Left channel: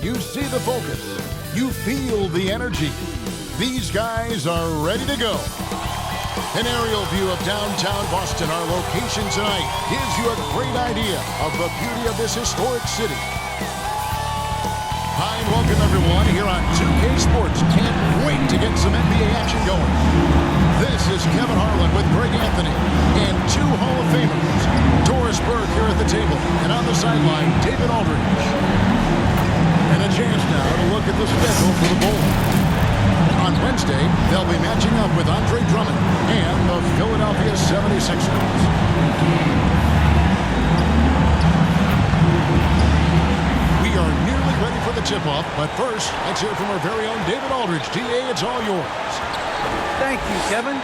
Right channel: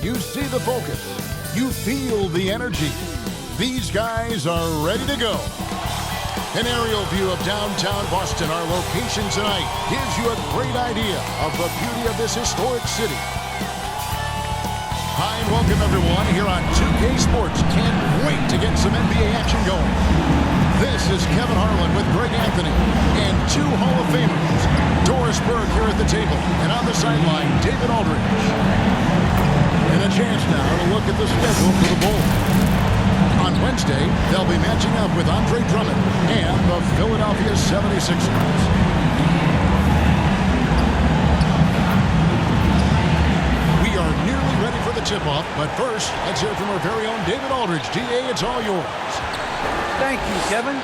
You see the focus. You feel the energy. These guys are ready to go. An aerial view of downtown Boston, our location tonight, gives you a great idea of the beauty of this historic city. Hi, and welcome everyone here on 2K Sports. Can't wait to get some NBA action going. This is Kevin Harlan with Greg Anthony and two Hall of Famers. Doris Burke here at the table, and on the sideline, David Aldridge. And a chance now to look at the schedule for the Bulls. On Wednesday, they'll be matching up with Andre Drummond and the Philadelphia 76ers. We are nearly ready for the tip-off, but first, let's hear from our very own David Aldridge. DA, it's all yours. Thank you, Kevin.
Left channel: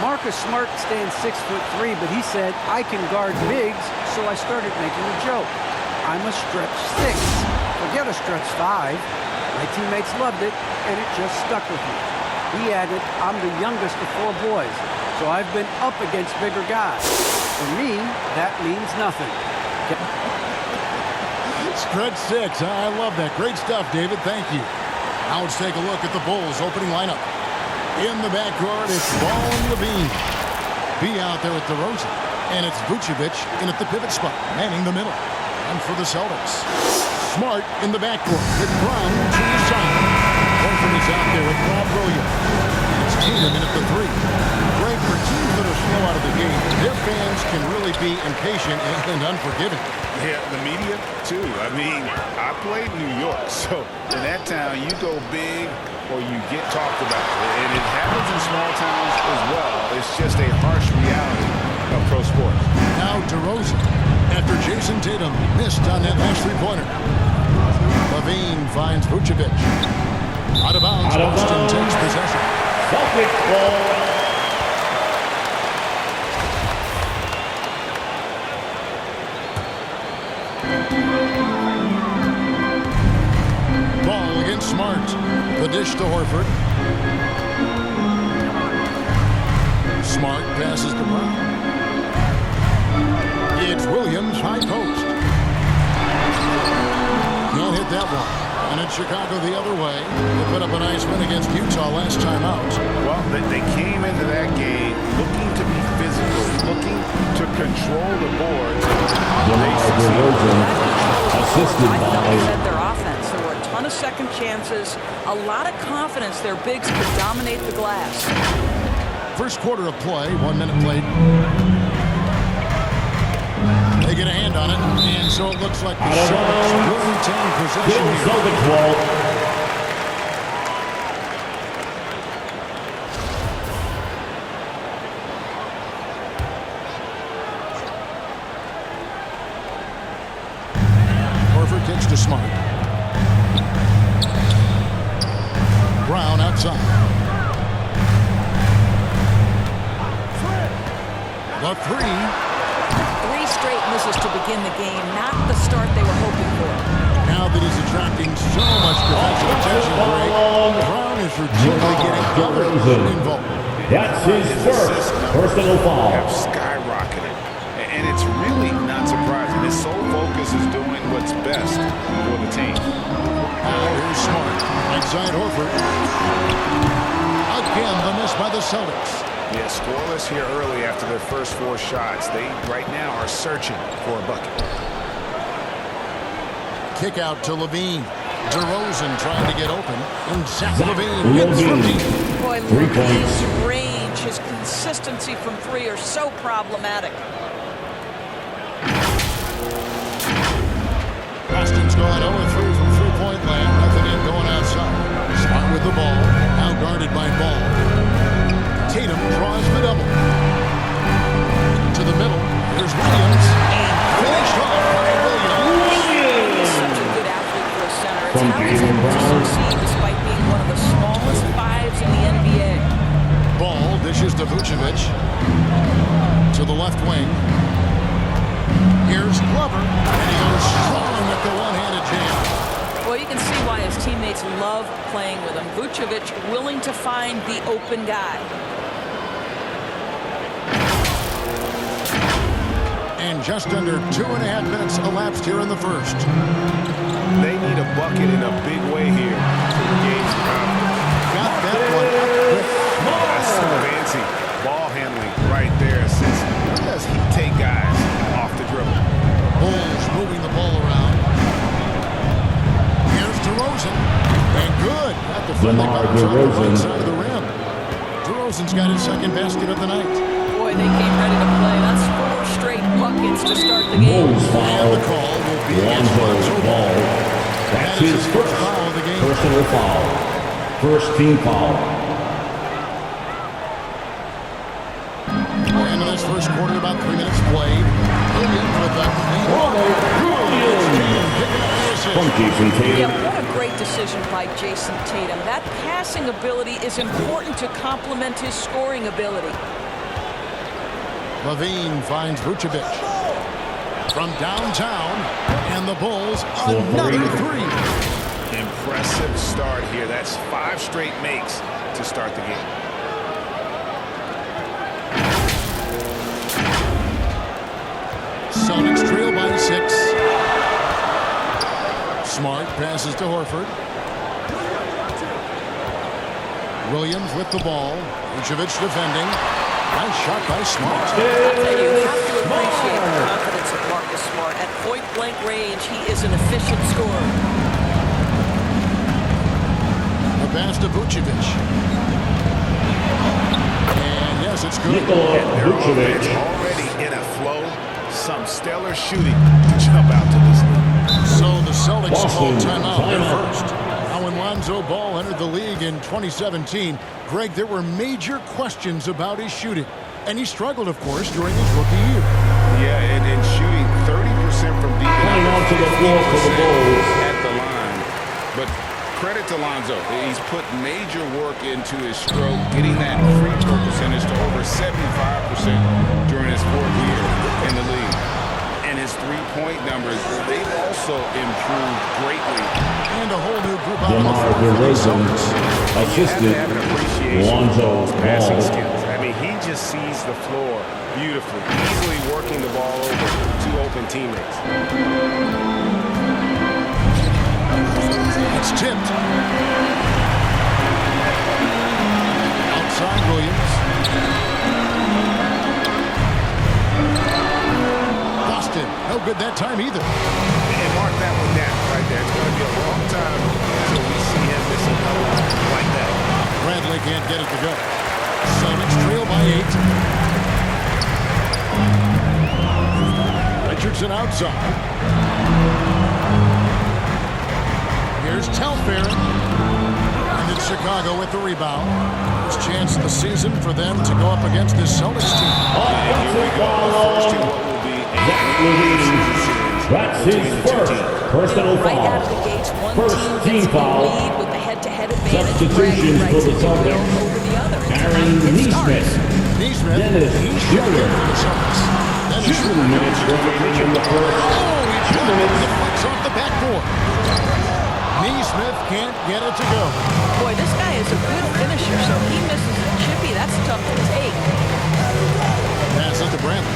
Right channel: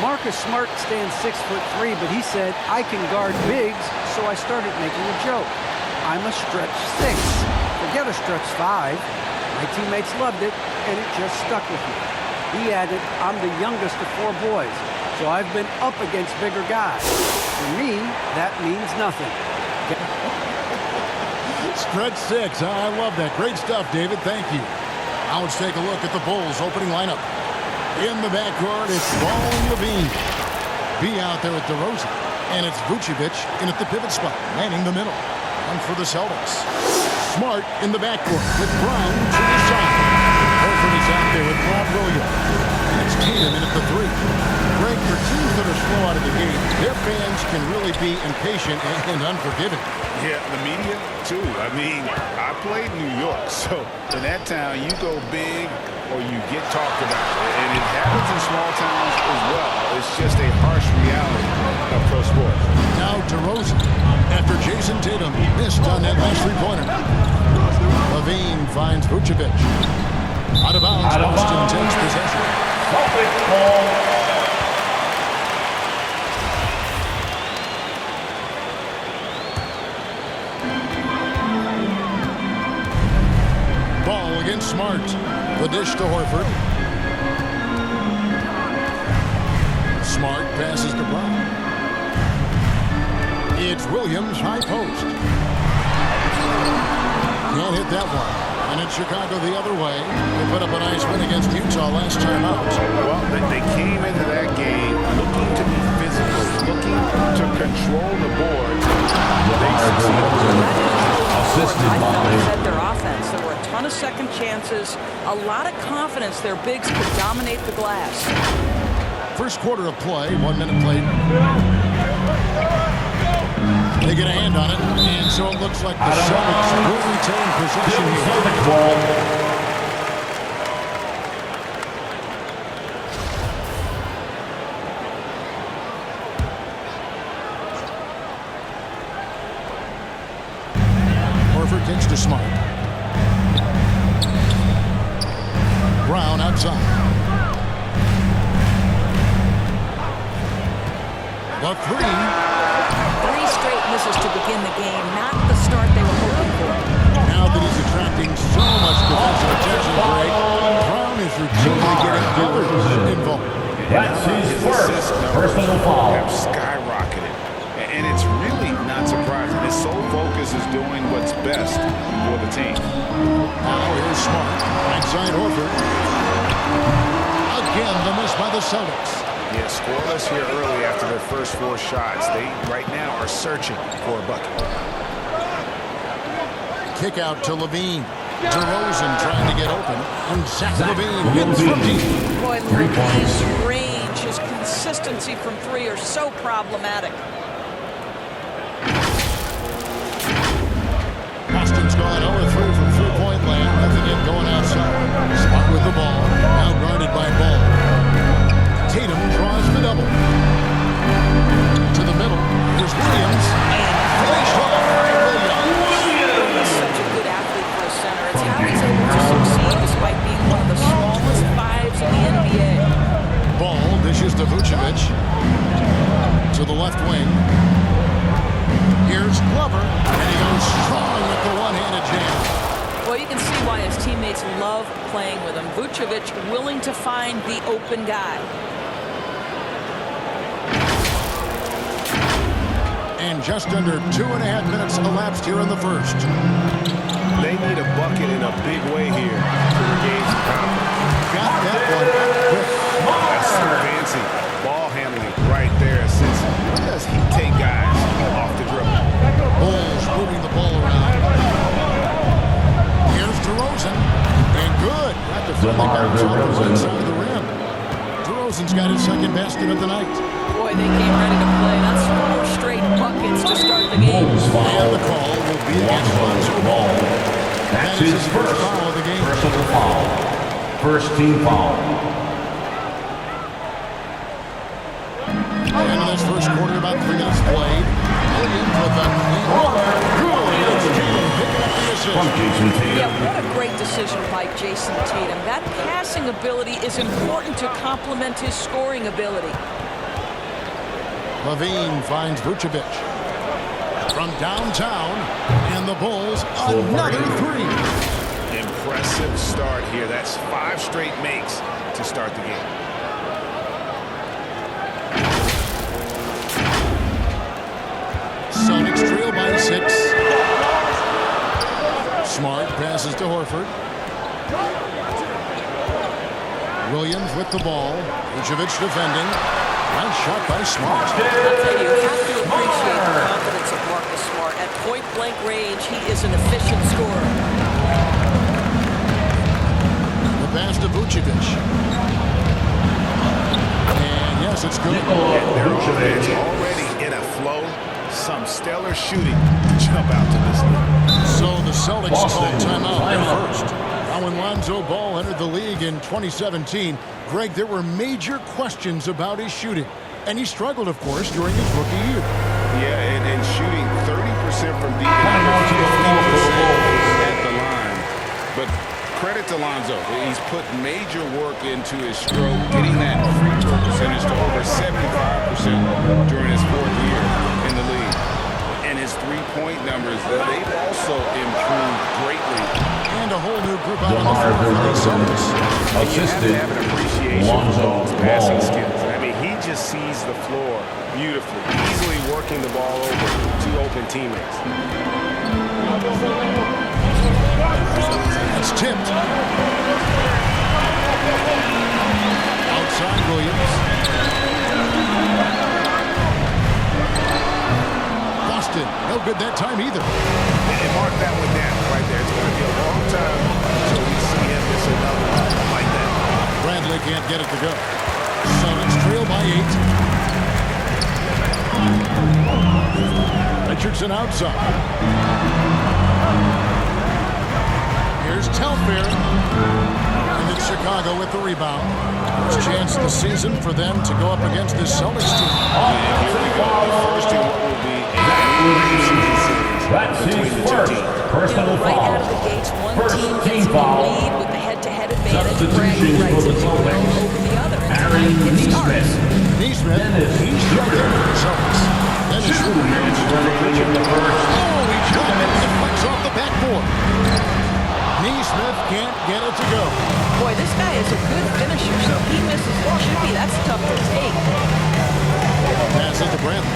Marcus Smart stands 6'3", but he said, I can guard bigs, so I started making a joke. I'm a stretch 6. Forget a stretch 5. My teammates loved it, and it just stuck with me. He added, I'm the youngest of 4 boys, so I've been up against bigger guys. For me, that means nothing. Stretch 6. I love that. Great stuff, David. Thank you. Now let's take a look at the Bulls' opening lineup. In the backcourt, it's Ball and Levine. B out there at DeRozan. And it's Vucevic in at the pivot spot, manning the middle. And for the Celtics, Smart in the backcourt with Brown to his side. Horford is out there with Rob Williams. And it's Tatum in at the 3. Greg, for teams that are slow out of the gate, their fans can really be impatient and unforgiving. Yeah, the media, too. I mean, I played in New York, so in that town, you go big or you get talked about. And it happens in small towns as well. It's just a harsh reality of pro sports. Now DeRozan, after Jason Tatum missed on that last three-pointer. Levine finds Vucevic. Out of bounds, Boston takes possession. Celtics ball. Ball against Smart. The dish to Horford. Smart passes to Brown. It's Williams, high post. Can't hit that one. And it's Chicago the other way. They put up a nice win against Utah last time out. Well, they came into that game looking to be physical, looking to control the boards. They succeeded. That control of the boards, I felt, led their offense. There were a ton of second chances, a lot of confidence their bigs could dominate the glass. First quarter of play, 1 minute played. They get a hand on it, and so it looks like the Celtics will retain possession here. Celtics ball. Horford kicks to Smart. Brown outside. The 3. 3 straight misses to begin the game, not the start they were hoping for. Now that he's attracting so much defensive attention, Greg, Brown is routinely getting others involved. That's his first personal foul. Have skyrocketed. And it's really not surprising. His sole focus is doing what's best for the team. Now here's Smart. Right side Horford. Again, the miss by the Celtics. Yeah, scoreless here early after their first 4 shots. They, right now, are searching for a bucket. Kick out to Levine. DeRozan trying to get open. And Zach Levine hits from deep. Boy, Levine's range, his consistency from 3 are so problematic. Boston's gone 0-3 from three-point land. Nothing in going outside. Smart with the ball. Now guarded by Ball. Tatum draws the double. To the middle. Here's Williams. And finished off by Williams. He's such a good athlete for a center. It's how he's able to succeed despite being one of the smallest 5s in the NBA. Ball dishes to Vucevic. To the left wing. Here's Glover. And he goes strong with the one-handed jam. Well, you can see why his teammates love playing with him. Vucevic willing to find the open guy. And just under 2.5 minutes elapsed here in the first. They need a bucket in a big way here to regain some confidence. Got that one up quick. That's some fancy ball handling right there, since when does he take guys off the dribble? Bulls moving the ball around. Here's DeRozan. And good. Got the friendly DeMar bounce off the right DeRozan. side of the rim. DeRozan's got his second basket of the night. Boy, they came ready to play. That's 4 straight buckets to start the game. Bulls foul. And the call will be against Lonzo Ball. That's That is his his first foul of the game. personal foul. First team foul. End of this first quarter, about 3 minutes played. Williams with a clean look. It's Tatum picking up the assist. From Jason Yeah, Tatum. what a great decision by Jason Tatum. That passing ability is important to complement his scoring ability. Levine finds Vucevic from downtown, and the Bulls another three. Impressive start here. That's 5 straight makes to start the game. Celtics trail by 6. Smart passes to Horford. Williams with the ball. Vucevic defending. Nice shot by Smart. I'll tell you, you have to appreciate the confidence of Marcus Smart. At point-blank range, he is an efficient scorer. The pass to Vucevic. And yes, it's good. Nikola And their offense Vucevic. already in a flow. Some stellar shooting to jump out to this league. So the Celtics Boston, called timeout there timeout. first. Now when Lonzo Ball entered the league in 2017, Greg, there were major questions about his shooting. And he struggled, of course, during his rookie year. Yeah, and shooting 30% from deep and Coming onto the floor for the 50% Bulls. at the line. But credit to Lonzo. He's put major work into his stroke, getting that free throw percentage to over 75% during his 4th year in the league. And his three-point numbers, they've also improved greatly. And a whole new group out on the DeMar floor for the DeRozan Celtics. And you have to have an appreciation for Lonzo Ball's passing Ball. skills. I mean, he just sees the floor beautifully, easily working the ball over to open teammates. It's tipped. Outside Williams. Boston, no good that time either. And mark that one down right there. It's going to be a long time until we see him miss another one like that. Bradley can't get it to go. Celtics trail by 8. Richardson outside. Here's Telfair. And it's Chicago with the rebound. First chance of the season for them to go up against this Celtics team. And here we go. The first in what will be a season series That's between his the two first teams. personal Right foul. out of the gates, one First team team gets the foul. lead with the head-to-head advantage, Substitutions bragging rights, for the if you will, Celtics. over the other. And Aaron tonight it starts. Neesmith. Neesmith, Dennis he's checked in Schroeder. for the Celtics. Dennis 2 Schroeder minutes comes in for remaining in Richardson. the first. Oh, he 2 got it. minutes. Deflects off the backboard. Neesmith can't get it to go. Boy, this guy is a good finisher, so he misses a chippy. That's tough to take. Passes to Bradley.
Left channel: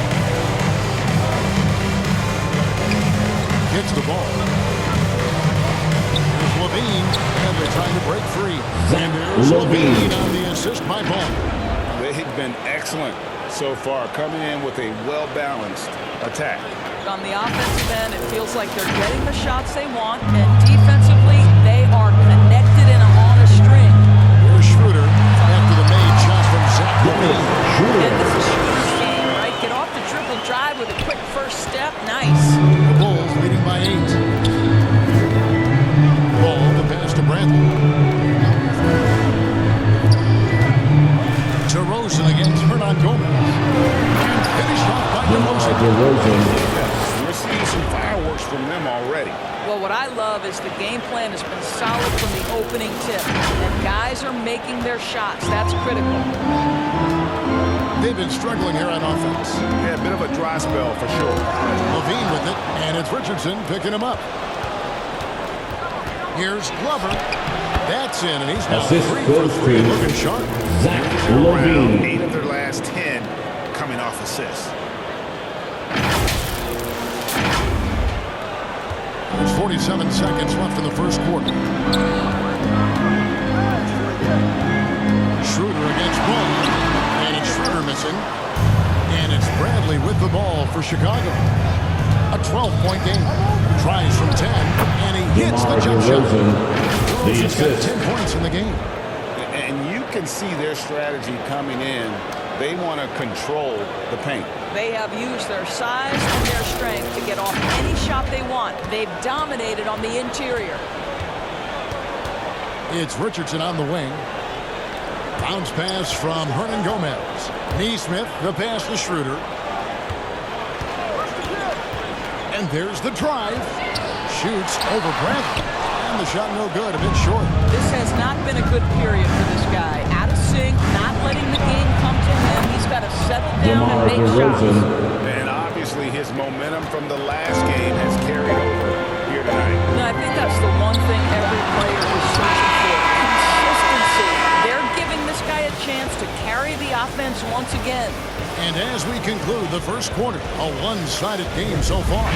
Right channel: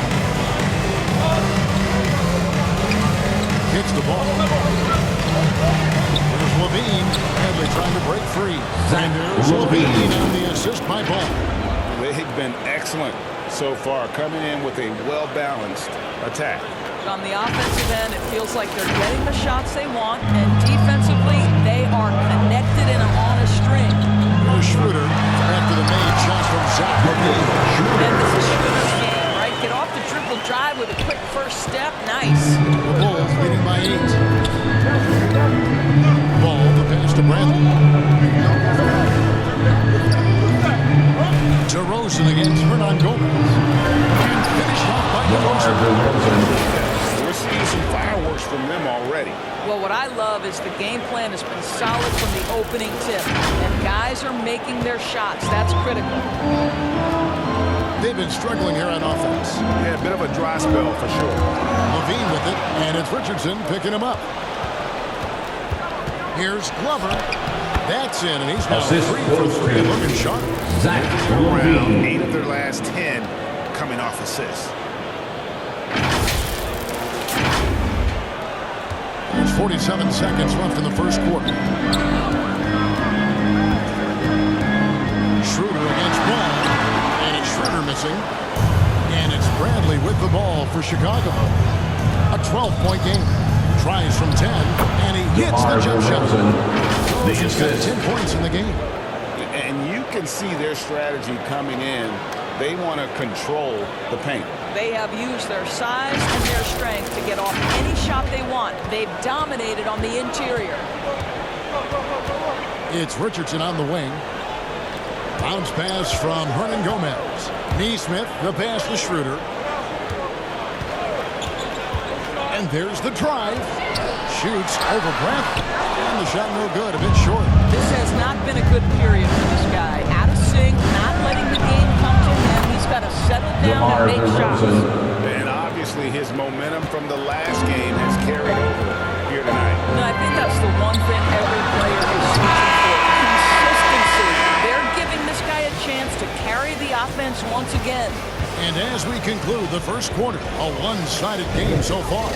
Kicks the ball. Here's Levine. Bradley trying to break free. And there's Levine. Levine on the assist by Ball. They've been excellent so far, coming in with a well-balanced attack. On the offensive end, it feels like they're getting the shots they want, and defensively, they are connected and on a string. Here's Schroeder after the made shot from Zach Levine. And Schroeder. this is Schroeder's game, right? Get off the dribble drive with a quick first step. Nice. The Bulls leading by 8. Ball, the pass to Bradley. DeRozan against Hernan Gomez. And finished off by DeMar DeRozan. DeRozan. We're seeing some fireworks from them already. Well, what I love is the game plan has been solid from the opening tip, and guys are making their shots. That's critical. They've been struggling here on offense. Yeah, a bit of a dry spell for sure. Levine with it, and it's Richardson picking him up. Here's Glover. That's in, and he's now Assist 3 for goes 3, to looking sharp. Zach Around Levine. 8 of their last 10 coming off assists. There's 47 seconds left in the first quarter. Schroeder against Ball, and it's Schroeder missing. And it's Bradley with the ball for Chicago. A 12-point game. Tries from 10, and he hits the jump shot. He's got 10 points in the game. And you can see their strategy coming in. They want to control the paint. They have used their size and their strength to get off any shot they want. They've dominated on the interior. It's Richardson on the wing. Bounce pass from Hernan Gomez. Neesmith, the pass to Schroeder. And there's the drive. Shoots over Bradley. And the shot no good, a bit short. This has not been a good period for this guy. Out of sync, not letting the game come to him. He's got to settle down and make shots. And obviously his momentum from the last game has carried over here tonight. No, I think that's the one thing every player is searching for. Consistency. They're giving this guy a chance to carry the offense once again. And as we conclude the first quarter, a one-sided game so far.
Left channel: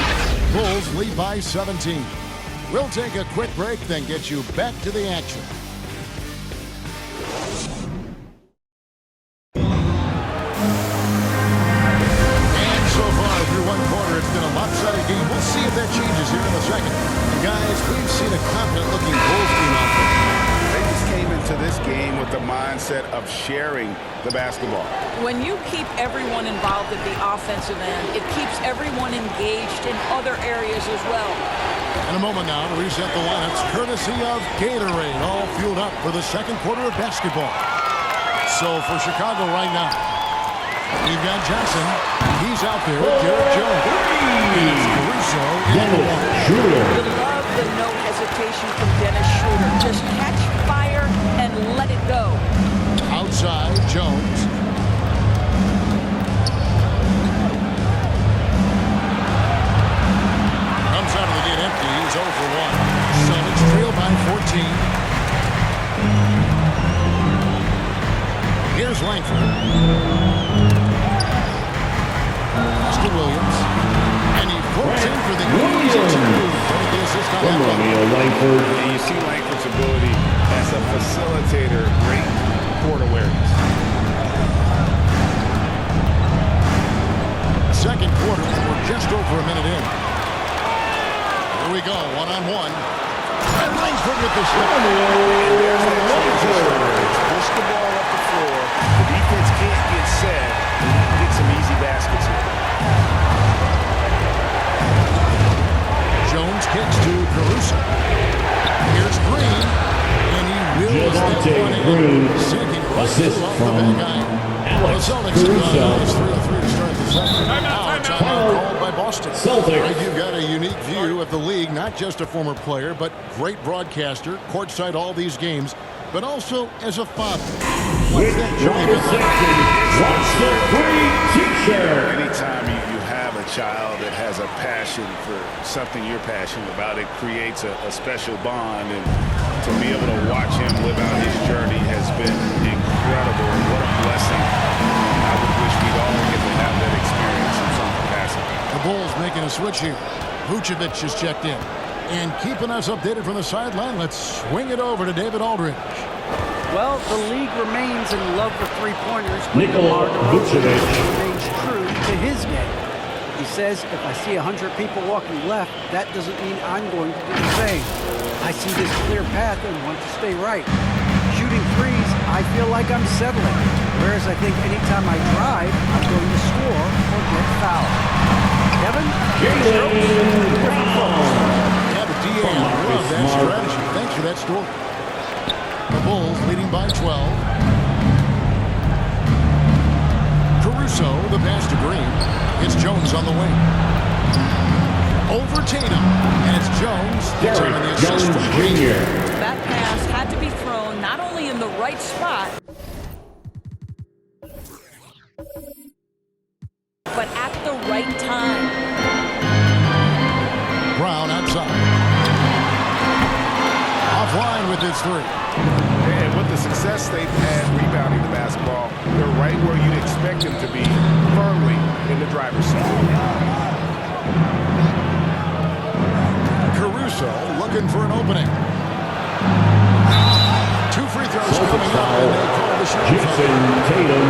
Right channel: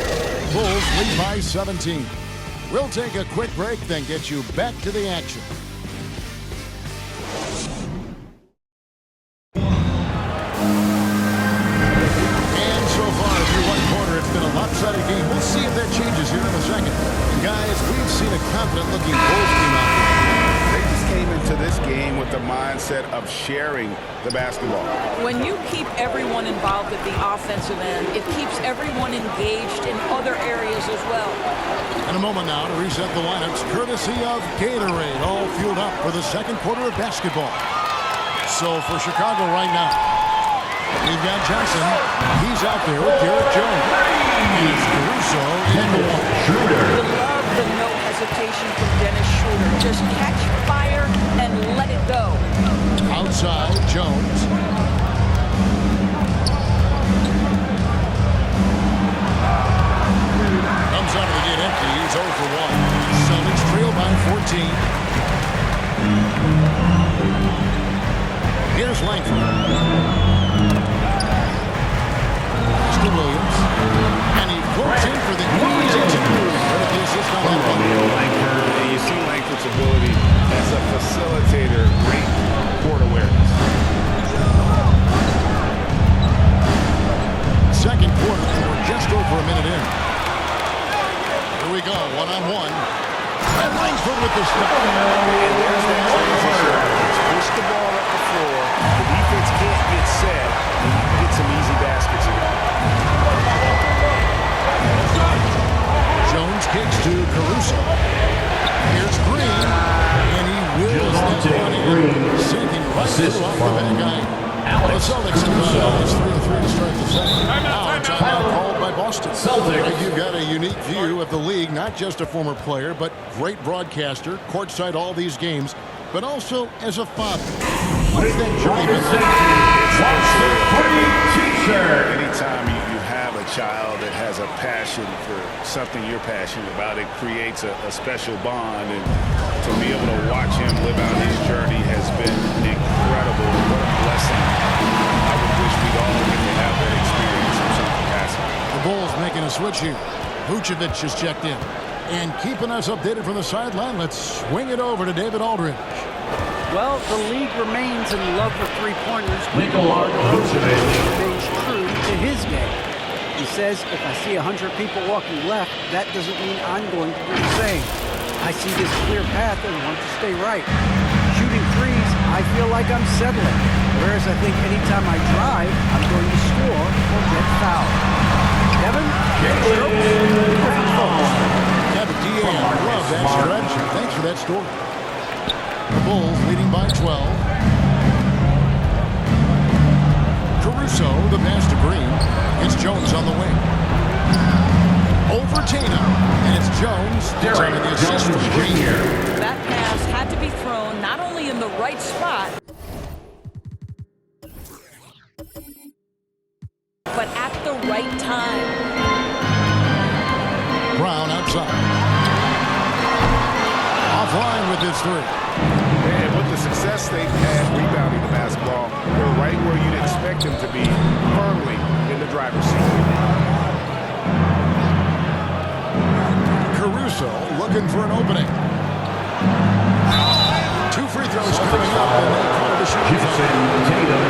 Bulls lead by 17. We'll take a quick break, then get you back to the action. And so far through one quarter, it's been a lopsided game. We'll see if that changes here in a second. And guys, we've seen a confident-looking Bulls team out there. They just came into this game with the mindset of sharing the basketball. When you keep everyone involved at the offensive end, it keeps everyone engaged in other areas as well. In a moment now to reset the lineups, courtesy of Gatorade, all fueled up for the second quarter of basketball. So for Chicago right now, we've got Johnson. He's out there with Derek Jones. And it's Caruso in the one. Schroeder. You love the no hesitation from Dennis Schroeder. Just catch fire and let it go. Outside, Jones. Comes out of the gate empty. He's 0 for 1. Celtics trail by 14. Here's Langford. Pass to Williams. And he floats in for the easy two. Credit the assist on that one. Langford. And you see Langford's ability as a facilitator, great court awareness. Second quarter, and we're just over a minute in. Here we go, one-on-one. And Langford with the stop. And there's that transition. It's push the ball up the floor. The defense can't get set, and you can get some easy baskets here. Jones kicks to Caruso. Here's Green, and he wills that one in, sinking right through off the back iron. The Celtics have gone down. It's 3-3 to start the second. Now timeout called by Boston. Celtics. Greg, you've got a unique view of the league, not just a former player, but great broadcaster, courtside all these games, but also as a father. What's that journey been like? Anytime you have a child that has a passion for something you're passionate about, it creates a special bond. And to be able to watch him live out his journey has been incredible. And what a blessing. I would wish we'd all get to have that experience in some capacity. The Bulls making a switch here. Vucevic has checked in. And keeping us updated from the sideline, let's swing it over to David Aldridge. Well, the league remains in love with three-pointers, but Nikola DeMar DeRozan Vucevic. remains true to his game. He says, if I see 100 people walking left, that doesn't mean I'm going to do the same. I see this clear path and want to stay right. Shooting threes, I feel like I'm settling. Whereas I think anytime I drive, I'm going to score or get fouled. Kevin, Jay Strokes, different folks. Yeah, but DA, I love that strategy. Thanks for that story. The Bulls leading by 12. Caruso, the pass to Green. It's Jones on the wing. Over Tatum. And it's Jones. The time in the assist from Green. That pass had to be thrown not only in the right spot, but at the right time. Brown outside. Offline with his three. And with the success they've had rebounding the basketball, they're right where you'd expect them to be, firmly in the driver's seat. Caruso looking for an opening. 2 free throws coming up, and they call the shooting Jason foul. Tatum.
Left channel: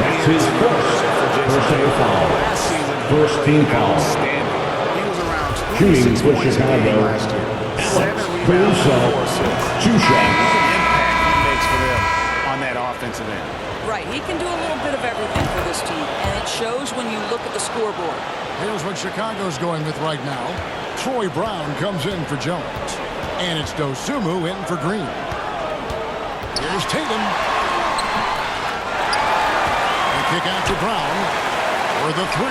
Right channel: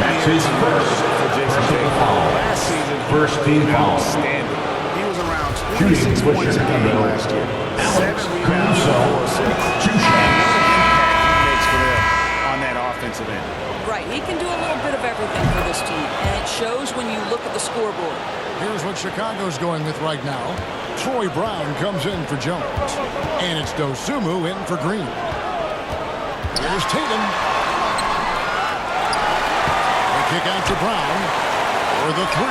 That's his first personal foul. Last season, he First played team foul. outstanding. He was around Shooting 26 for points a game Chicago. last year. Alex 7 rebounds Caruso. and 4 assists. 2 And shots. what an impact he makes for them on that offensive end. Right, he can do a little bit of everything for this team, and it shows when you look at the scoreboard. Here's what Chicago's going with right now. Troy Brown comes in for Jones. And it's Dosunmu in for Green. Here's Tatum. The kick out to Brown. For the 3.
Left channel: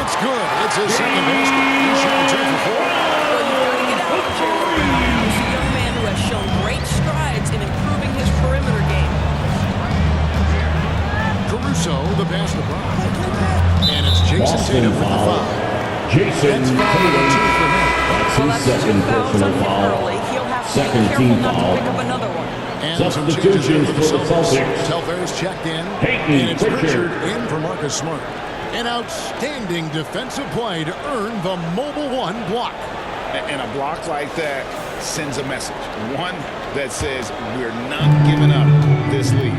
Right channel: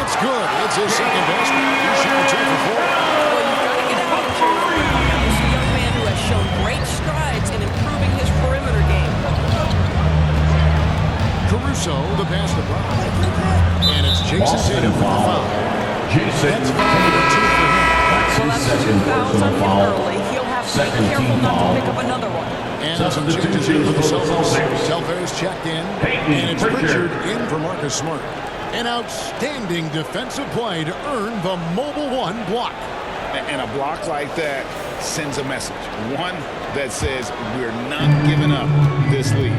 It's good. It's his second basket. He's shooting 2 for 4. Well, you've got to get out of Jaylen Brown. Now, he's a young man who has shown great strides in improving his perimeter game. Caruso, the pass to Brown. And it's Jason Boston Tatum with the foul. foul. Jason That's foul number 2 Tatum. for him. That's Well, his that's 2 second fouls on personal him foul. early. He'll have to Second be careful team not foul. to pick up another one. And some changes in Substitutions for the for the Celtics. Celtics. Telfair's checked in. Peyton And it's Pritchard. Pritchard in for Marcus Smart. An outstanding defensive play to earn the Mobile One block. And a block like that sends a message. One that says we're not giving up this lead.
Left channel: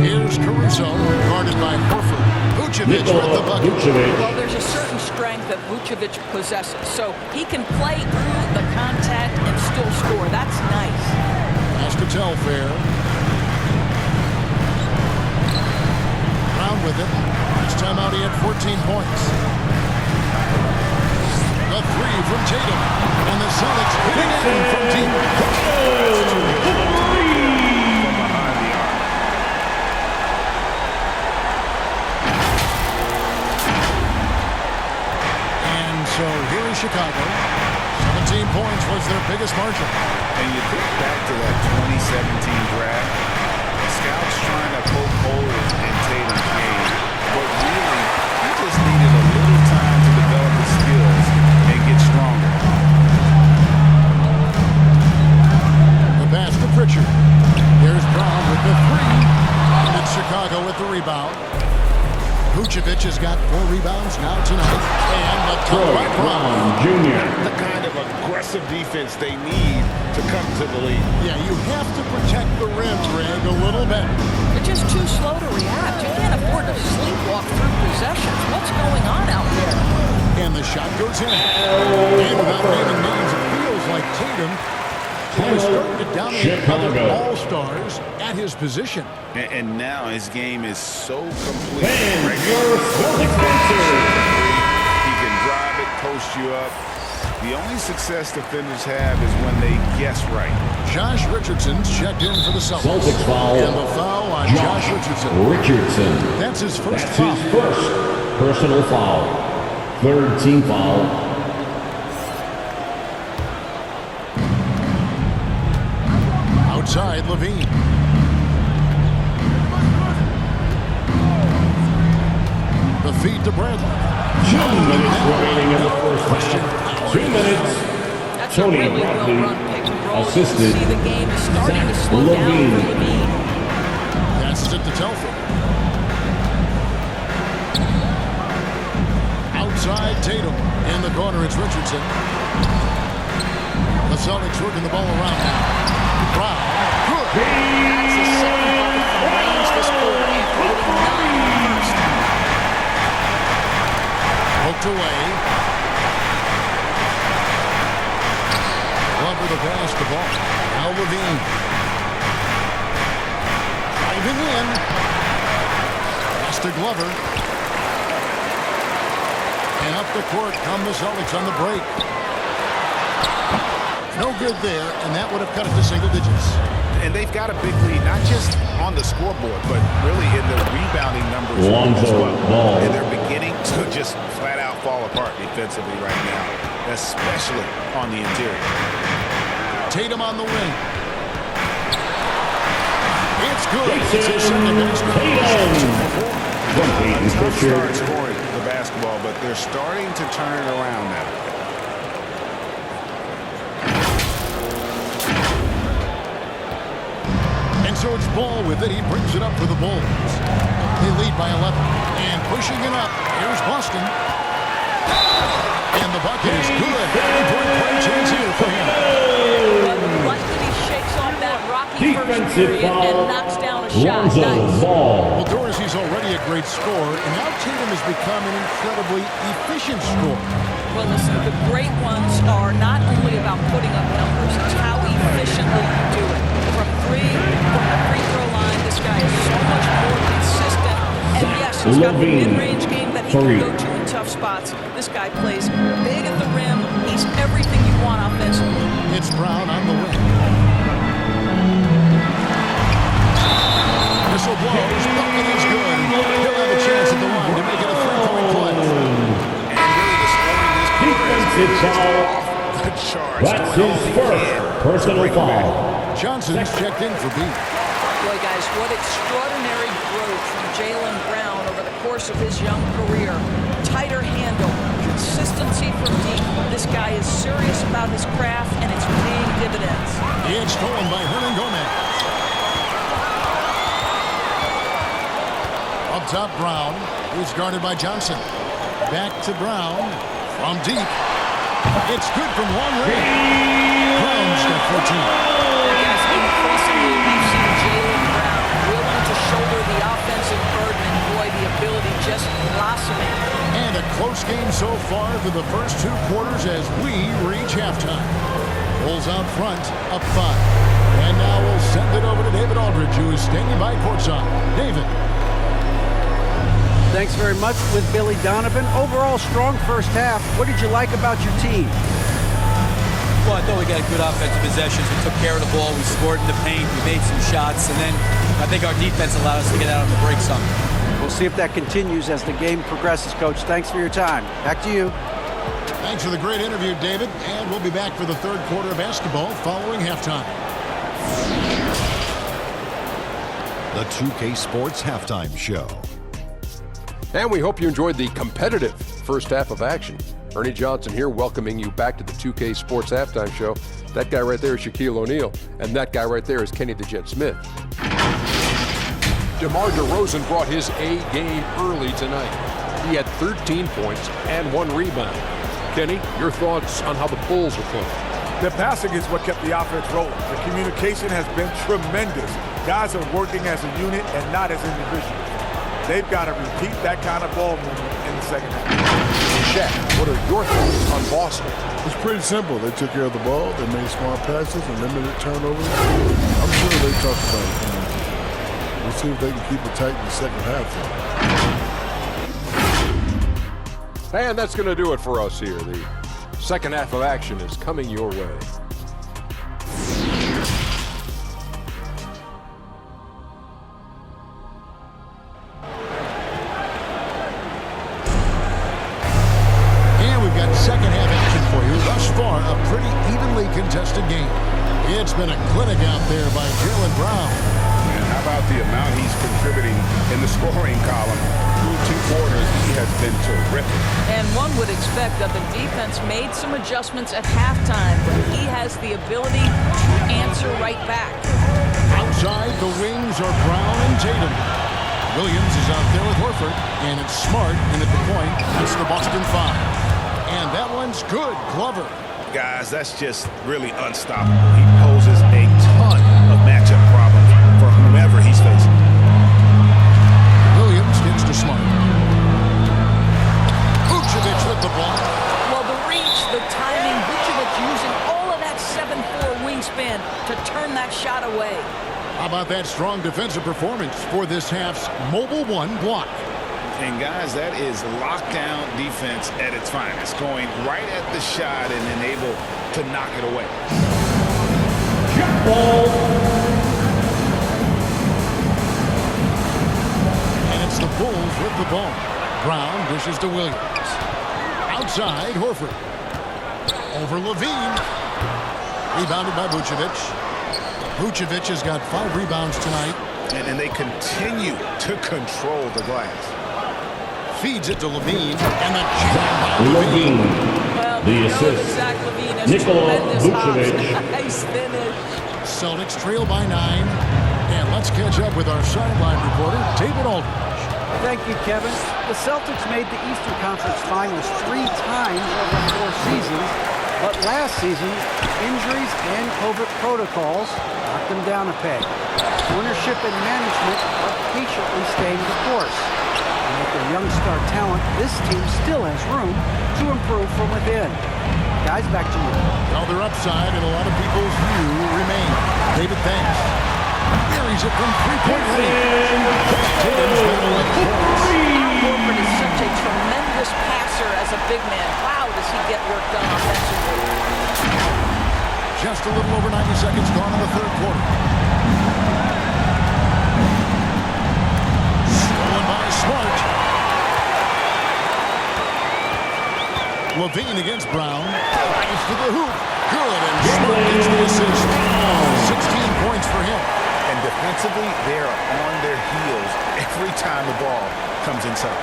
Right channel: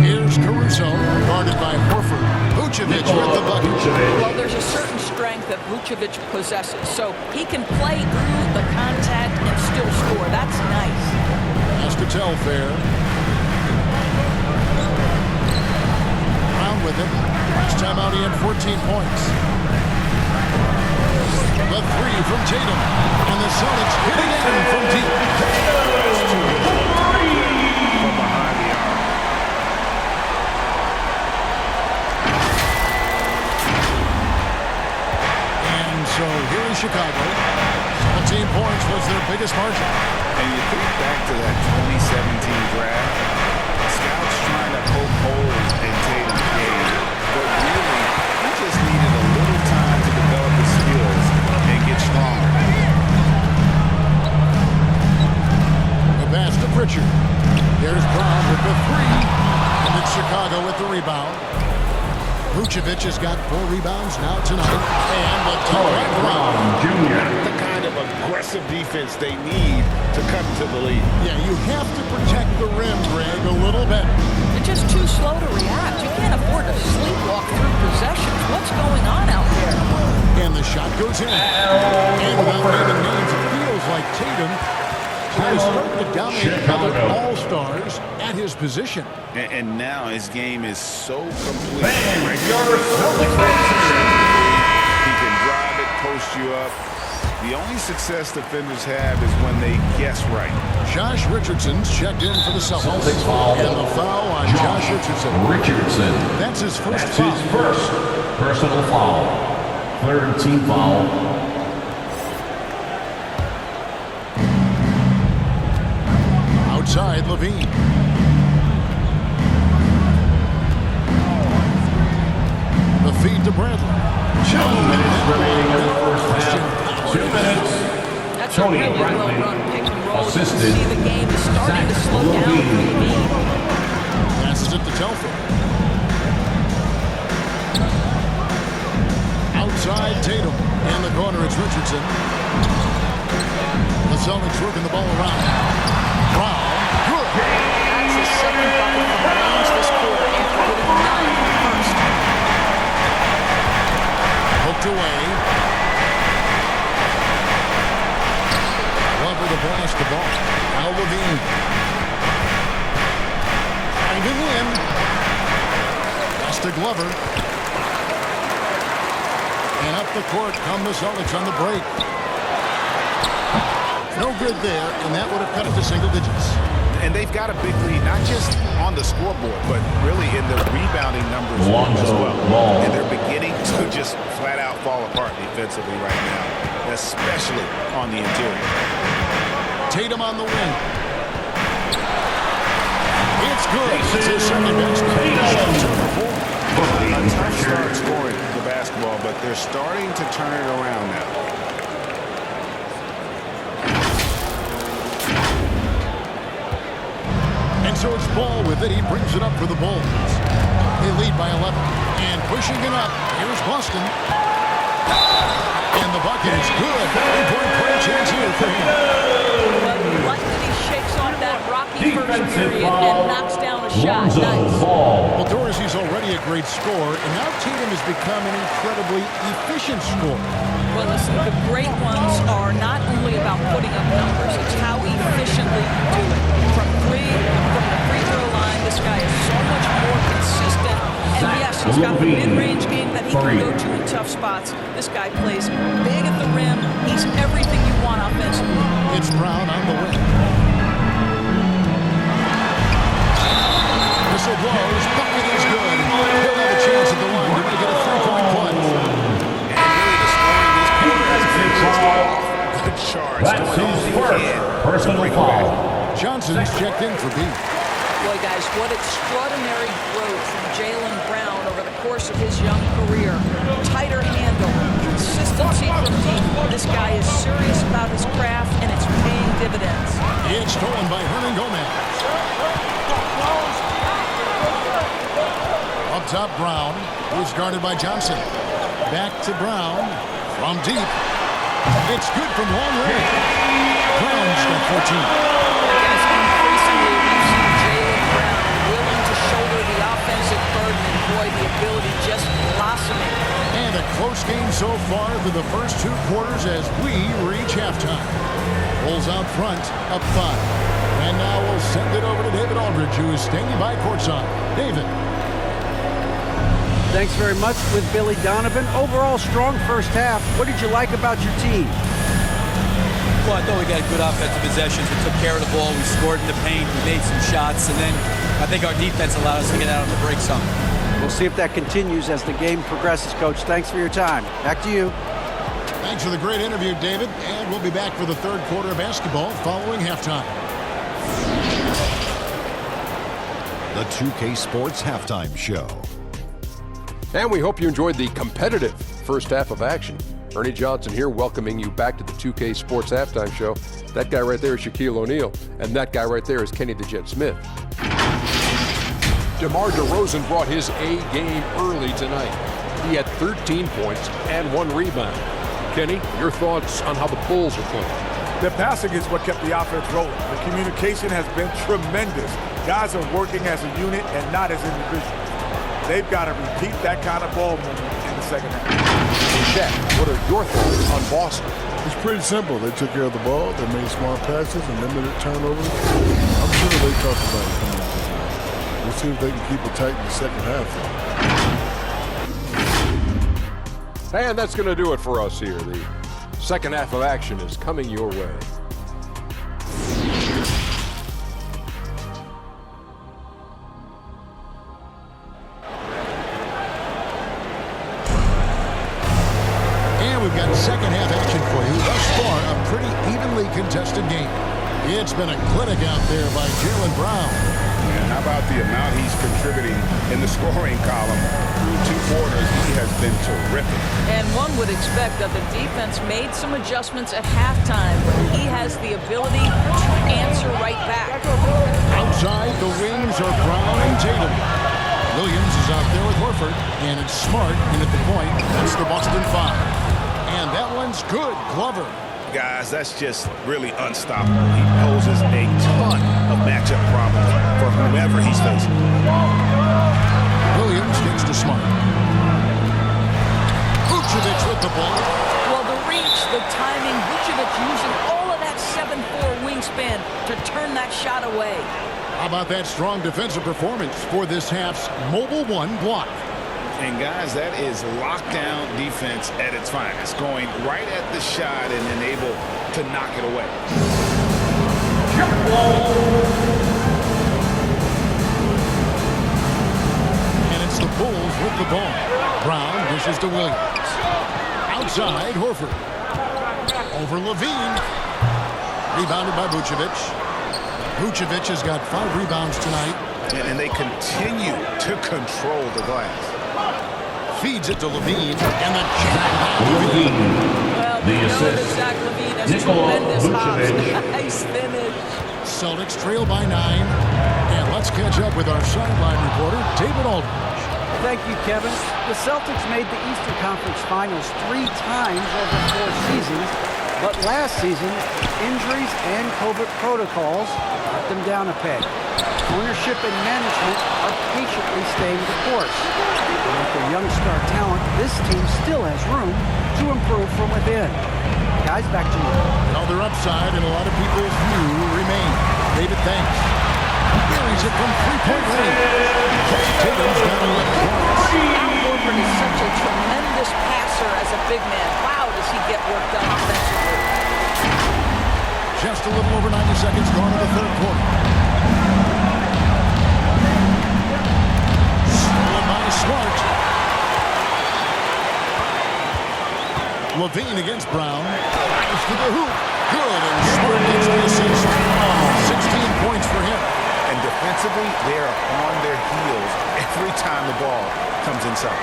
Here's Caruso, guarded by Horford. Vucevic with the Nikola bucket. Vucevic. Well, there's a certain strength that Vucevic possesses, so he can play through the contact and still score. That's nice. Pass to Telfair. Brown with it. Last time out he had 14 points. The 3 from Tatum. And the Celtics hitting in from deep. That's too good to look to make them from behind the arc. And so here is Chicago. 17 points was their biggest margin. And you think back to that 2017 draft, scouts trying to poke holes in Tatum's game, but really, he just needed a little time to develop his skills and get stronger. The pass to Pritchard. There's Brown with the 3. And it's Chicago with the rebound. Vucevic has got 4 rebounds now tonight. And the Troy dunk by Brown. Brown Jr. The kind of aggressive defense they need to cut into the lead. Yeah, you have to protect the rim, Greg, a little bit. They're just too slow to react. You can't afford to sleepwalk through possessions. What's going on out there? And the shot goes in. And without naming names, it feels like Tatum is starting to dominate other Chicago. all-stars at his position. And now his game is so complete. Van Regularly, Spencer. he can drive it, post you up. The only success defenders have is when they guess right. Josh Richardson's checked in for the Celtics. Celtics foul. And the foul on Josh Richardson. Richardson. That's his first That's foul. his first personal foul. Third team foul. Outside, Levine. The feed to Bradley. 2 minutes That remaining in the no first question. half. Power 2 is minutes. That's Tony a really Bradley well-run pick and roll. You can assisted see the game is starting to Zach slow down for Levine. Levine. Passes it to Telfair. Outside, Tatum. In the corner, it's Richardson. The Celtics working the ball around now. Brown, good. That's his second bucket from range this quarter after hitting 9 in the first. Poked away. Glover the pass to ball. Now Levine. Driving in. Pass to Glover. And up the court come the Celtics on the break. No good there, and that would have cut it to single digits. And they've got a big lead, not just on the scoreboard, but really in the rebounding numbers Lonzo as well. Ball. And they're beginning to just flat out fall apart defensively right now, especially on the interior. Tatum on the wing. It's good. It's his second basket. Tatum. 2 for 4. A tough start scoring the basketball, but they're starting to turn it around now. And so it's Ball with it. He brings it up for the Bulls. They lead by 11. And pushing it up, here's Boston. And the bucket is good. 3-point play chance here for him. But like that he shakes off that rocky first period and knocks down a shot. Nice. Well, Dorsey's already a great scorer, and now Tatum has become an incredibly efficient scorer. Well, listen, the great ones are not only about putting up numbers, it's how efficiently you do it. From three, from the free throw line, this guy is so much more consistent. And yes, he's got the mid-range game that he can go to in tough spots. This guy plays big at the rim. He's everything you want offensively. It's Brown on the wing. Whistle blows, bucket is good, and he'll have a chance at the line to make it a 3-point play. And really the scoring this quarter has been just off the charts, doing all he can to bring them back. Johnson's checked in for B. Boy, guys, what extraordinary growth from Jaylen Brown over the course of his young career. Tighter handle, consistency from deep. This guy is serious about his craft, and it's paying dividends. It's stolen by Hernan Gomez. Up top, Brown, who's guarded by Johnson. Back to Brown from deep. It's good from long range. Brown's got 14. Guys, increasingly we've seen Jaylen Brown willing to shoulder the offensive burden, and boy, the ability just blossoming. And a close game so far for the first 2 quarters as we reach halftime. Bulls out front, up 5. And now we'll send it over to David Aldridge, who is standing by courtside. David. Thanks very much with Billy Donovan. Overall, strong first half. What did you like about your team? Well, I thought we got good offensive possessions. We took care of the ball. We scored in the paint. We made some shots. And then I think our defense allowed us to get out on the break some. We'll see if that continues as the game progresses, Coach. Thanks for your time. Back to you. Thanks for the great interview, David. And we'll be back for the third quarter of basketball following halftime. The 2K Sports Halftime Show. And we hope you enjoyed the competitive first half of action. Ernie Johnson here, welcoming you back to the 2K Sports Halftime Show. That guy right there is Shaquille O'Neal, and that guy right there is Kenny the Jet Smith. DeMar DeRozan brought his A game early tonight. He had 13 points and 1 rebound. Kenny, your thoughts on how the Bulls are playing? The passing is what kept the offense rolling. The communication has been tremendous. Guys are working as a unit and not as individuals. They've got to repeat that kind of ball movement in the second half. Shaq, what are your thoughts on Boston? It's pretty simple. They took care of the ball, they made smart passes, and limited turnovers. I'm sure they talked about it coming into tonight. We'll see if they can keep it tight in the second half. And that's going to do it for us here. The second half of action is coming your way. We've got second half action for you. Thus far, a pretty evenly contested game. It's been a clinic out there by Jaylen Brown. And how about the amount he's contributing in the scoring column? Through 2 quarters, he has been terrific. And one would expect that the defense made some adjustments at halftime, but he has the ability to answer right back. Outside, the wings are Brown and Tatum. Williams is out there with Horford, and it's Smart in at the point. That's the Boston 5. And that one's good. Glover. Guys, that's just really unstoppable. He poses a ton of matchup problems for whomever he's facing. Williams gets to Smart. Vucevic with the block. Well, the reach, the timing, Vucevic using all of that 7'4" wingspan to turn that shot away. How about that strong defensive performance for this half's Mobile One block? And guys, that is lockdown defense at its finest, going right at the shot and then able to knock it away. Jump ball. And it's the Bulls with the ball. Brown dishes to Williams. Outside, Horford. Over Levine. Rebounded by Vucevic. Vucevic has got 5 rebounds tonight. And they continue to control the glass. Feeds it to Levine, and the jam by Levine. Well, we know that Zach Levine has tremendous hops. Nice finish. Celtics trail by 9. And let's catch up with our sideline reporter, David Aldridge. Thank you, Kevin. The Celtics made the Eastern Conference Finals 3 times over 4 seasons, but last season, injuries and COVID protocols knocked them down a peg. Ownership and management are patiently staying the course. And with their young star talent, this team still has room to improve from within. Guys, back to you. Well, their upside in a lot of people's view remain. David, thanks. Buries it from three-point range. Tatum's got 11 points. Al Horford is such a tremendous passer as a big man. Wow, does he get work done offensively. Just a little over 90 seconds gone in the third quarter. Stolen by Smart. Levine against Brown. Drives to the hoop. Good, and Smart gets the assist. 16 points for him. And defensively, they are on their heels every time the ball comes inside.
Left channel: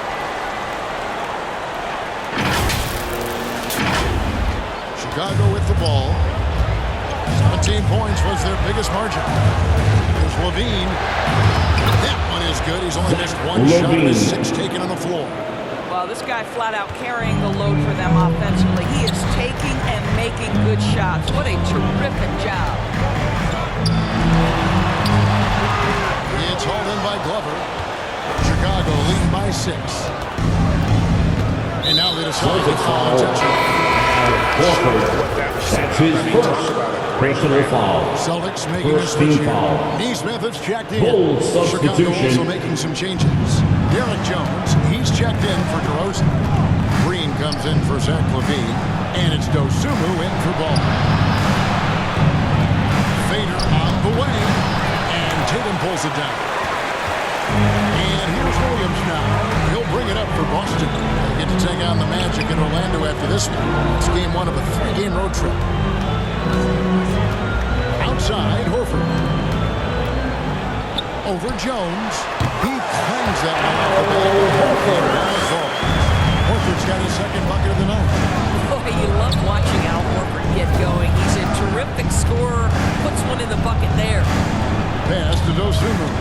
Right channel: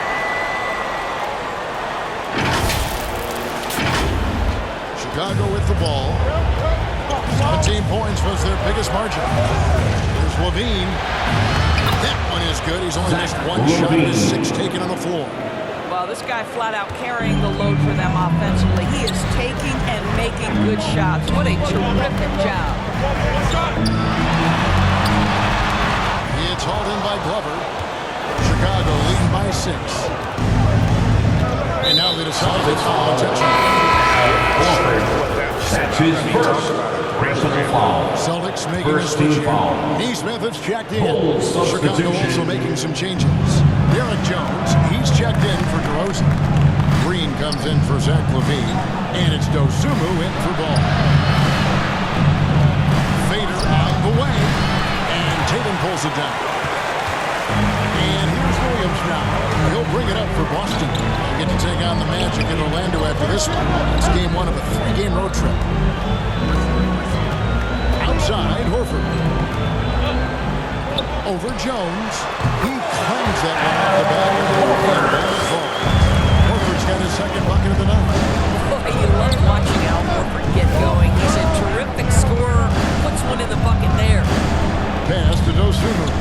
Chicago with the ball. 17 points was their biggest margin. There's Levine. That one is good. He's only missed one shot of his 6 taken on the floor. Well, this guy flat out carrying the load for them offensively. He is taking and making good shots. What a terrific job. It's hauled in by Glover. Chicago leading by 6. And now they decide to foul intentionally. That's his first personal foul. Celtics making a switch here. Neesmith has checked in. Chicago also making some changes. Derek Jones, he's checked in for DeRozan. Green comes in for Zach LaVine. And it's Dosunmu in for Ball. Fader on the way. And Tatum pulls it down. And here's Williams now. He'll bring it up for Boston. They get to take on the Magic in Orlando after this one. It's game 1 of a 3-game road trip. Outside, Horford. Over Jones. He clangs that one off the bat. And down it falls. Horford's got his second bucket of the night. Boy, you love watching Al Horford get going. He's a terrific scorer. Puts one in the bucket there. Pass to Dosunmu.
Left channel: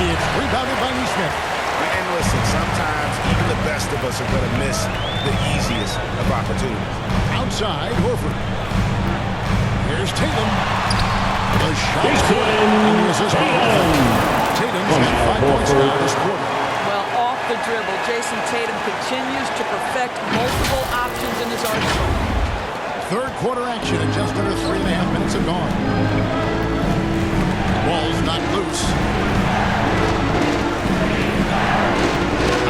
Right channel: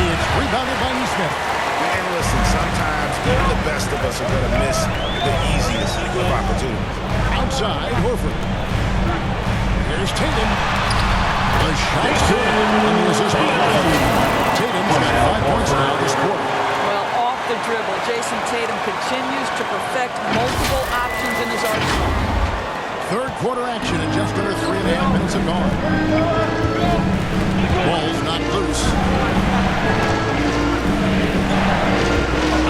It's rebounded by Neesmith. And listen, sometimes even the best of us are going to miss the easiest of opportunities. Outside, Horford. Here's Tatum. The shot's good. And the assist by Horford. Tatum's got 5 points now this quarter. Well, off the dribble, Jason Tatum continues to perfect multiple options in his arsenal. Third quarter action and just under 3.5 minutes have gone. Ball's not loose.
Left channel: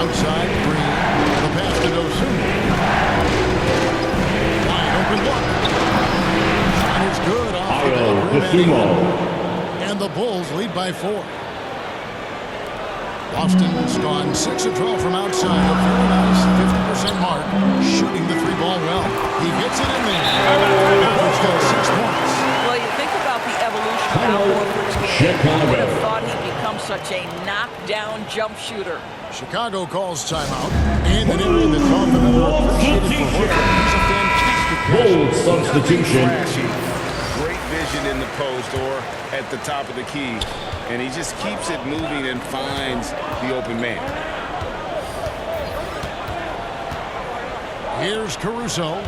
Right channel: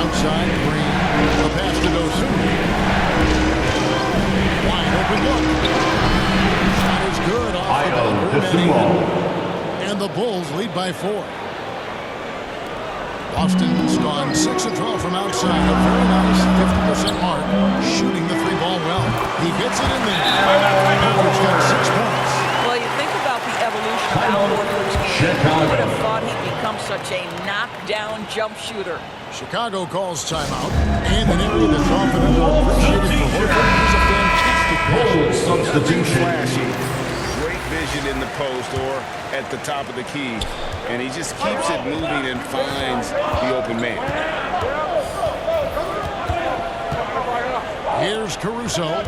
Outside, Green. The pass to Dosunmu. Wide open look. Shot is good off the back rim and the Bulls lead by 4. Boston's gone 6 of 12 from outside. A very nice 50% mark. Shooting the 3-ball well. He gets it in there. Horford's got 6 points. Well, you think about the evolution of Al Horford's game. Who would have thought he'd become such a knockdown jump shooter? Chicago calls timeout. And an area that's often underappreciated for Horford. He's a fantastic passer. Substitution. Flashy. Great vision in the post or at the top of the key. And he just keeps it moving and finds the open man. Here's Caruso.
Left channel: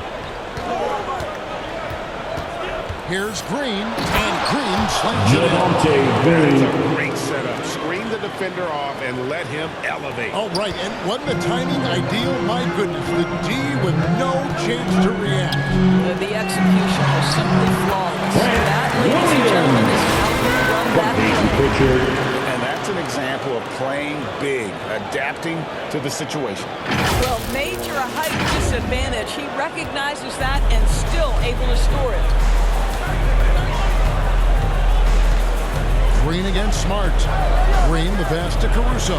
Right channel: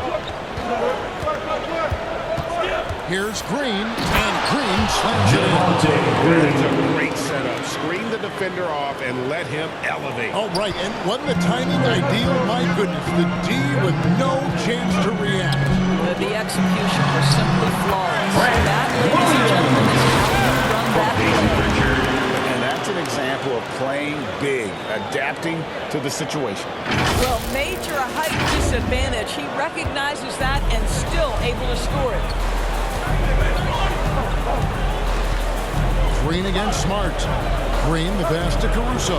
Here's Green, and Green slams it in. That's a great setup. Screen the defender off and let him elevate. Oh, right, and wasn't the timing ideal? My goodness, the D with no chance to react. The execution was simply flawless. That, ladies and gentlemen, is how you run that play. And that's an example of playing big, adapting to the situation. Well, major height disadvantage. He recognizes that and still able to score it. Green against Smart. Green, the pass to Caruso.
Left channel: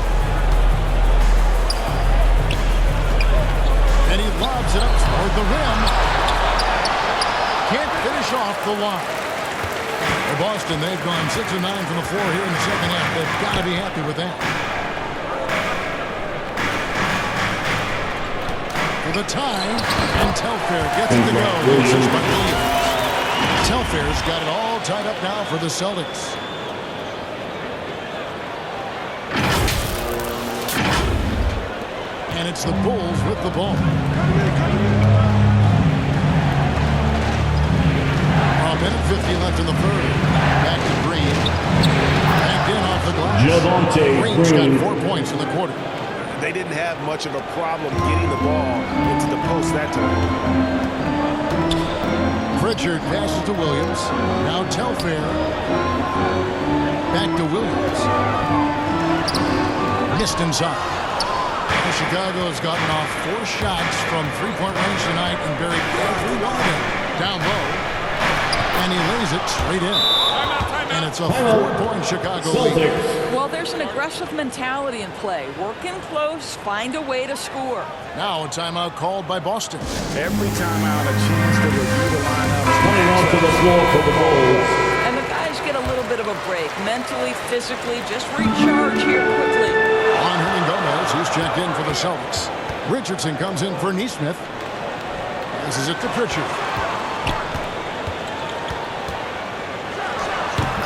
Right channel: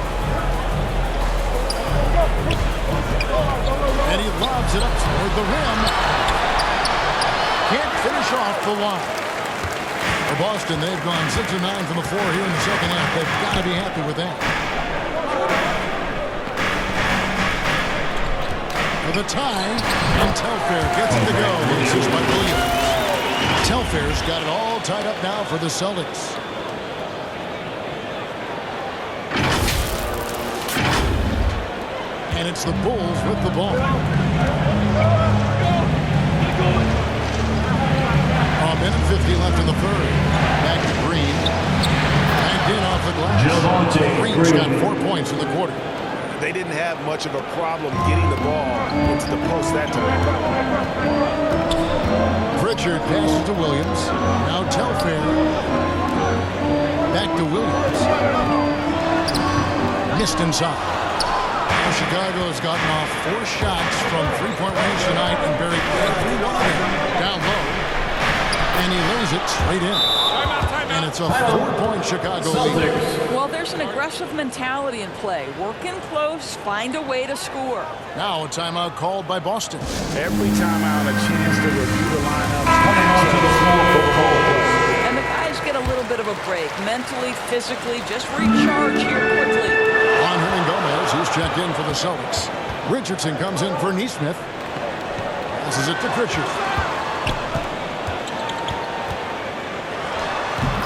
And he lobs it up toward the rim. Can't finish off the line. For Boston, they've gone 6 of 9 from the floor here in the second half. They've got to be happy with that. For the tie, and Telfair gets it to go. The assist by Williams. Telfair's got it all tied up now for the Celtics. And it's the Bulls with the ball. A minute 50 left in the third. Back to Green. Backed in off the glass. Green's got 4 points in the quarter. They didn't have much of a problem getting the ball into the post that time. Pritchard passes to Williams. Now Telfair. Back to Williams. Missed inside. Chicago has gotten off 4 shots from three-point range tonight and buried every one of them down low. And he lays it straight in. And it's a 4-point Chicago lead. Well, there's an aggressive mentality in play. Work in close, find a way to score. Now a timeout called by Boston. Every timeout, a chance to review the lineup. Coming onto the floor for the Bulls. And the guys get a little bit of a break. Mentally, physically, just recharge here quickly. On Hernangomez, who's checked in for the Celtics. Richardson comes in for Nesmith. Passes it to Pritchard.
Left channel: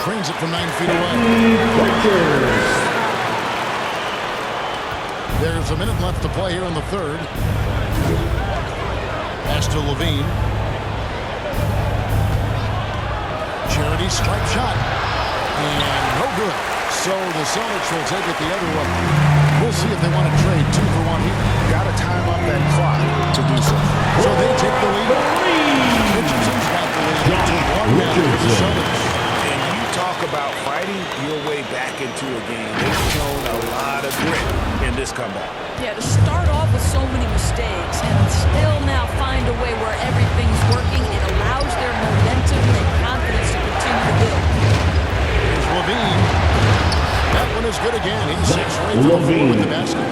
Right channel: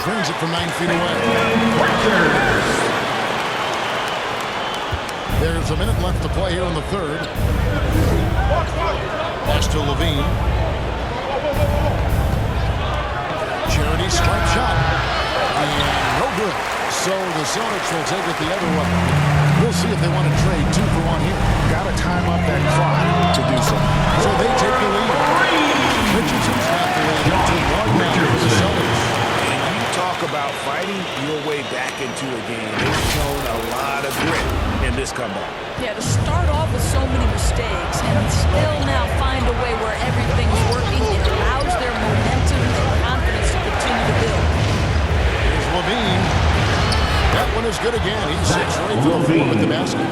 Trains it from 9 feet away. There's a minute left to play here in the third. Pass to Levine. Charity strike shot. And no good. So the Celtics will take it the other way. We'll see if they want to trade 2 for 1 here. Got to time up that clock to do so. So they take the lead. Richardson's got the lead up to 1 now for the Celtics. And you talk about fighting your way back into a game. They've shown a lot of grit in this comeback. Yeah, to start off with so many mistakes and still now find a way where everything's working, it allows their momentum and confidence to continue to build. Here's Levine. That one is good again. He's 6 for 8 for the floor with the basket.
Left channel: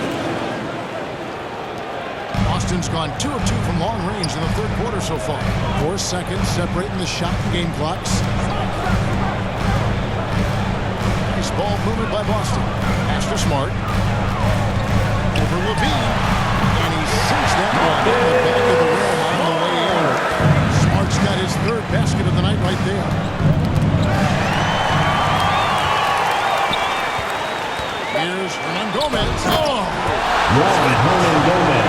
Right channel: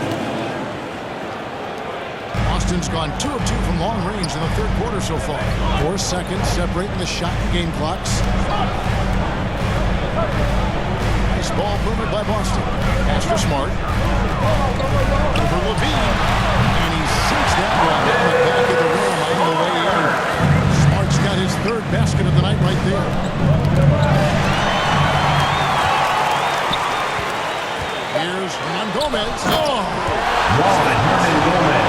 Boston's gone 2 of 2 from long range in the third quarter so far. 4 seconds separating the shot and game clocks. Nice ball movement by Boston. Pass to Smart. Over Levine. And he sinks that one in the back of the rim on the way in. Smart's got his 3rd basket of the night right there. Here's Hernangomez. Oh! Hernangomez.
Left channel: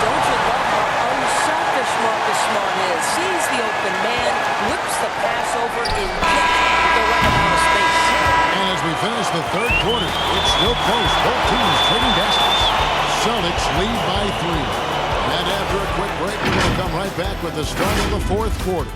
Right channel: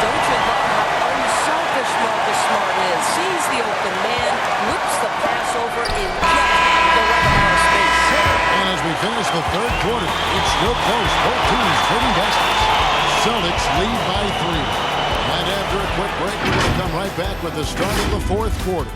Don't you love how unselfish Marcus Smart is? Sees the open man, whips the pass over in just the right amount of space. And as we finish the third quarter, it's still close. Both teams trading baskets. Celtics lead by 3. And after a quick break, we're going to come right back with the start of the fourth quarter.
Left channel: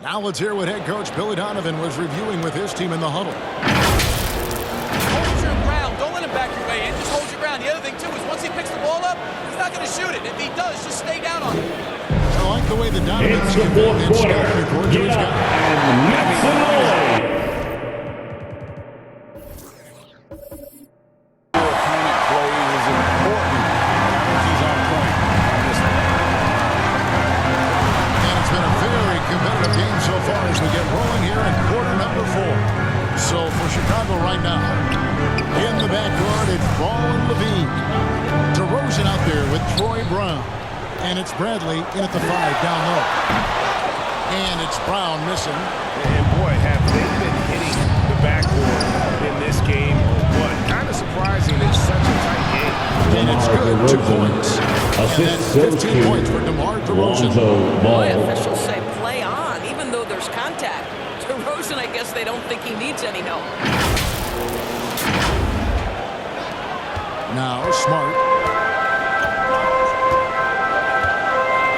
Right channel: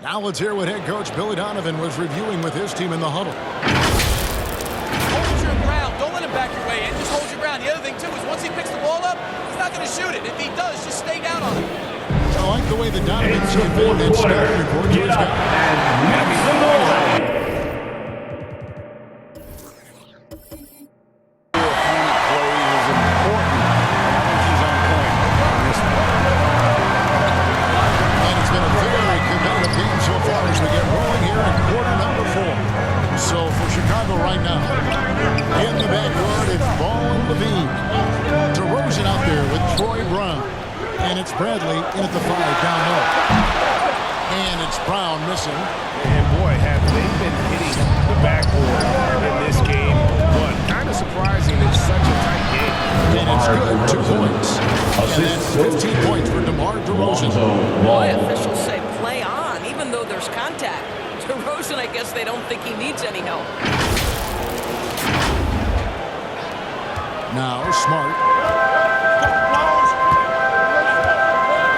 Now let's hear what head coach Billy Donovan was reviewing with his team in the huddle. Hold your ground. Don't let him back your way in. Just hold your ground. The other thing, too, is once he picks the ball up, he's not going to shoot it. If he does, just stay down on him. I like the way that Donovan's conveying that scouting report to his guys. Your opponent plays is important, and I think he's on point on this one. And it's been a very competitive game so far as we get rolling here in quarter number 4. So for Chicago right now, in the backcourt, it's Ball and Levine. DeRozan out there with Troy Brown. And it's Bradley in at the 5 down low. And it's Brown missing. And boy, have they been hitting the backboard in this game. But kind of surprising, it's such a tight game. And it's good, 2 points. And that's 15 points for DeMar DeRozan. Boy, officials say play on, even though there's contact. DeRozan, I guess they don't think he needs any help. Now Smart.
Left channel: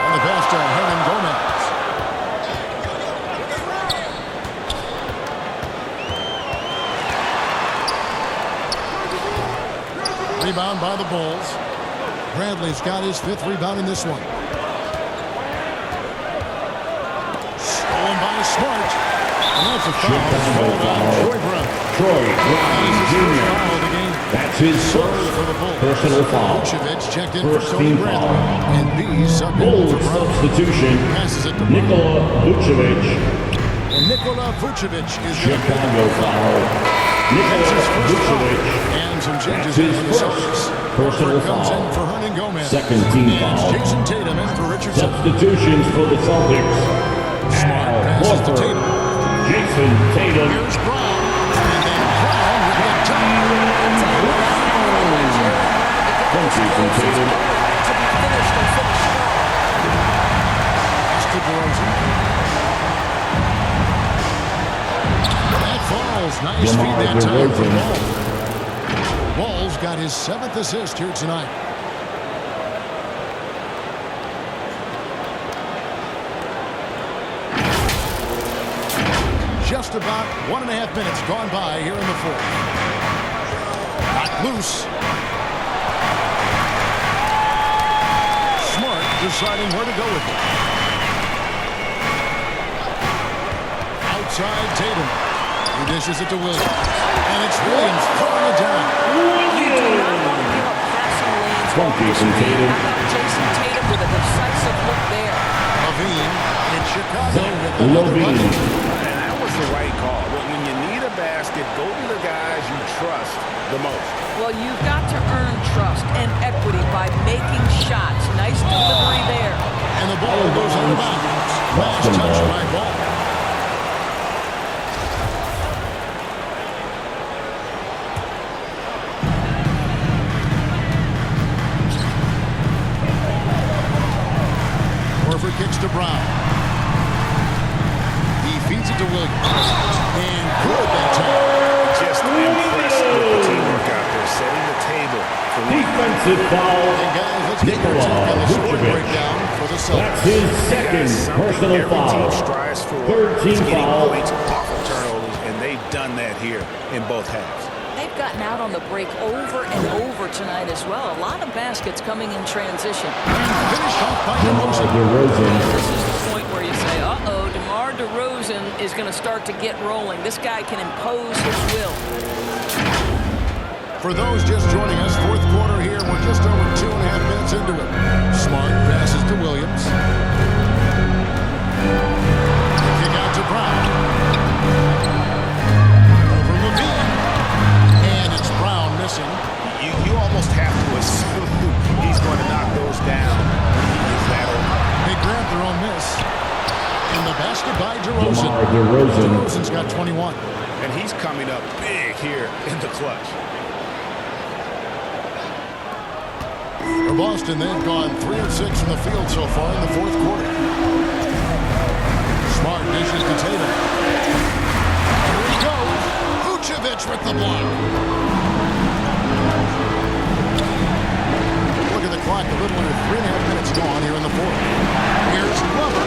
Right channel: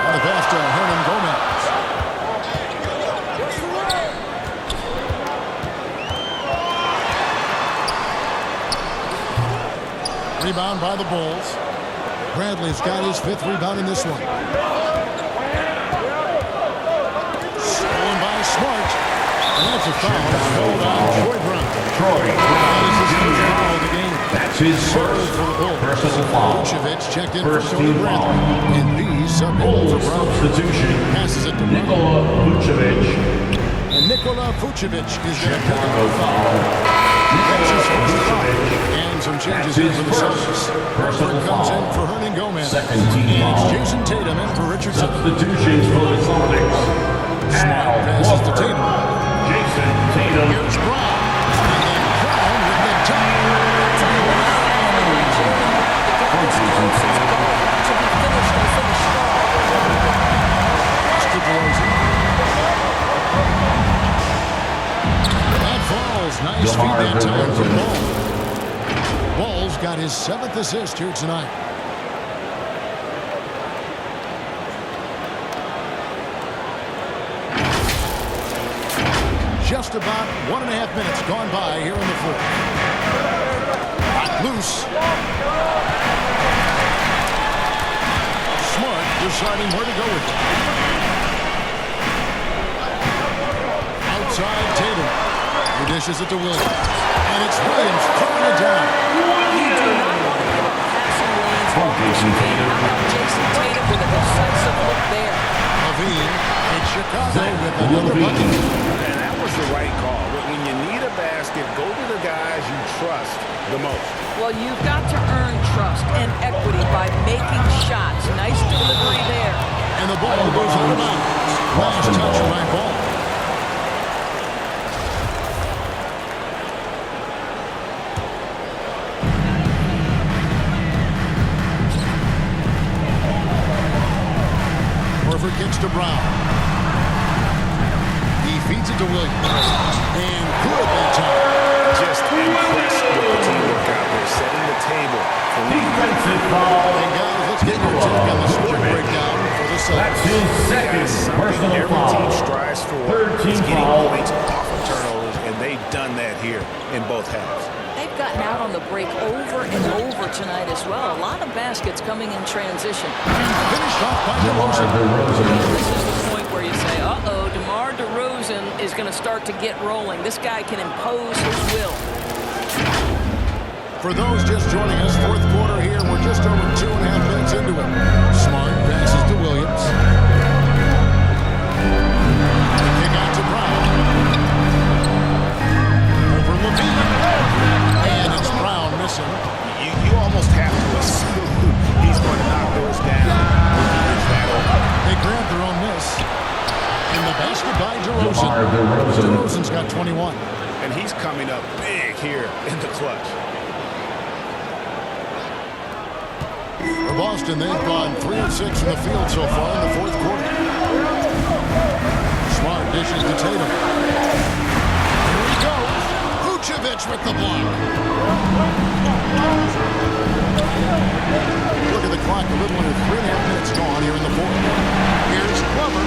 And the pass to Hernangomez. Rebound by the Bulls. Bradley's got his 5th rebound in this one. Stolen by Smart. And that's a foul. It's called on Troy Brown. Troy That is his Brown first Jr. foul of the game. That's his Third first for the Bulls. personal foul. Vucevic checked in First for Tony team Bradley. foul. And B subbed in Bulls for Brown. substitution. Passes it to Brown. Nikola Vucevic. And Nikola Vucevic is going to pick up Chicago the foul. foul. That's his Nikola first foul. Vucevic. And some changes That's here his for the first Celtics. personal Horford comes foul. in for Hernan Gomez. Second team And it's foul. Jason Tatum in for Richardson. Substitutions for the Celtics. Smart Al passes to Horford. Tatum. Jason Tatum. Here's Brown. And then Brown with the dunk. I'll tell you, without an athlete like Jaylen Brown to get this close, it's going to be finished and finished strong. Pass to DeRozan. That falls. Nice DeMar feed that time from DeRozan. Ball. Ball's got his 7th assist here tonight. Just about 1.5 minutes gone by here in the fourth. Got loose. Smart deciding where to go with it. Outside Tatum. He dishes it to Williams. And it's Williams throwing it down. You do not want to give up passing lanes off the Jason screen. Tatum. How about Jason Tatum with a decisive look there? Levine in Chicago with another bucket. And that was the right call. When you need a basket, go to the guys you trust the most. Well, you've got to earn trust and equity by making shots. Nice delivery there. And the ball goes out of bounds. Last touch by Ball. Horford kicks to Brown. He feeds it to Williams. And good that time. Just impressed with the teamwork out there, setting the table for one another. Defensive foul. And guys, let's get your take on the scoring breakdown for the Celtics. That's his second Something personal every foul. team strives for Third team is getting foul. points off of turnovers, and they've done that here in both halves. They've gotten out on the break over and over tonight as well. A lot of baskets coming in transition. Finished off by DeMar DeRozan. DeRozan. This is the point where you say, uh-oh, DeMar DeRozan is going to start to get rolling. This guy can impose his will. For those just joining us, fourth quarter here. We're just over 2.5 minutes into it. Smart passes to Williams. The kick out to Brown. Over Levine. And it's Brown missing. You almost have to assume he's going to knock those down when he is that open. They grab their own miss. And the basket by DeRozan. DeMar DeRozan. DeRozan's got 21. And he's coming up big here in the clutch. For Boston, they've gone 3 of 6 from the field so far in the fourth quarter. Smart dishes to Tatum. Here he goes. Vucevic with the block. Look at the clock. A little under 3.5 minutes gone here in the fourth. Here's Glover.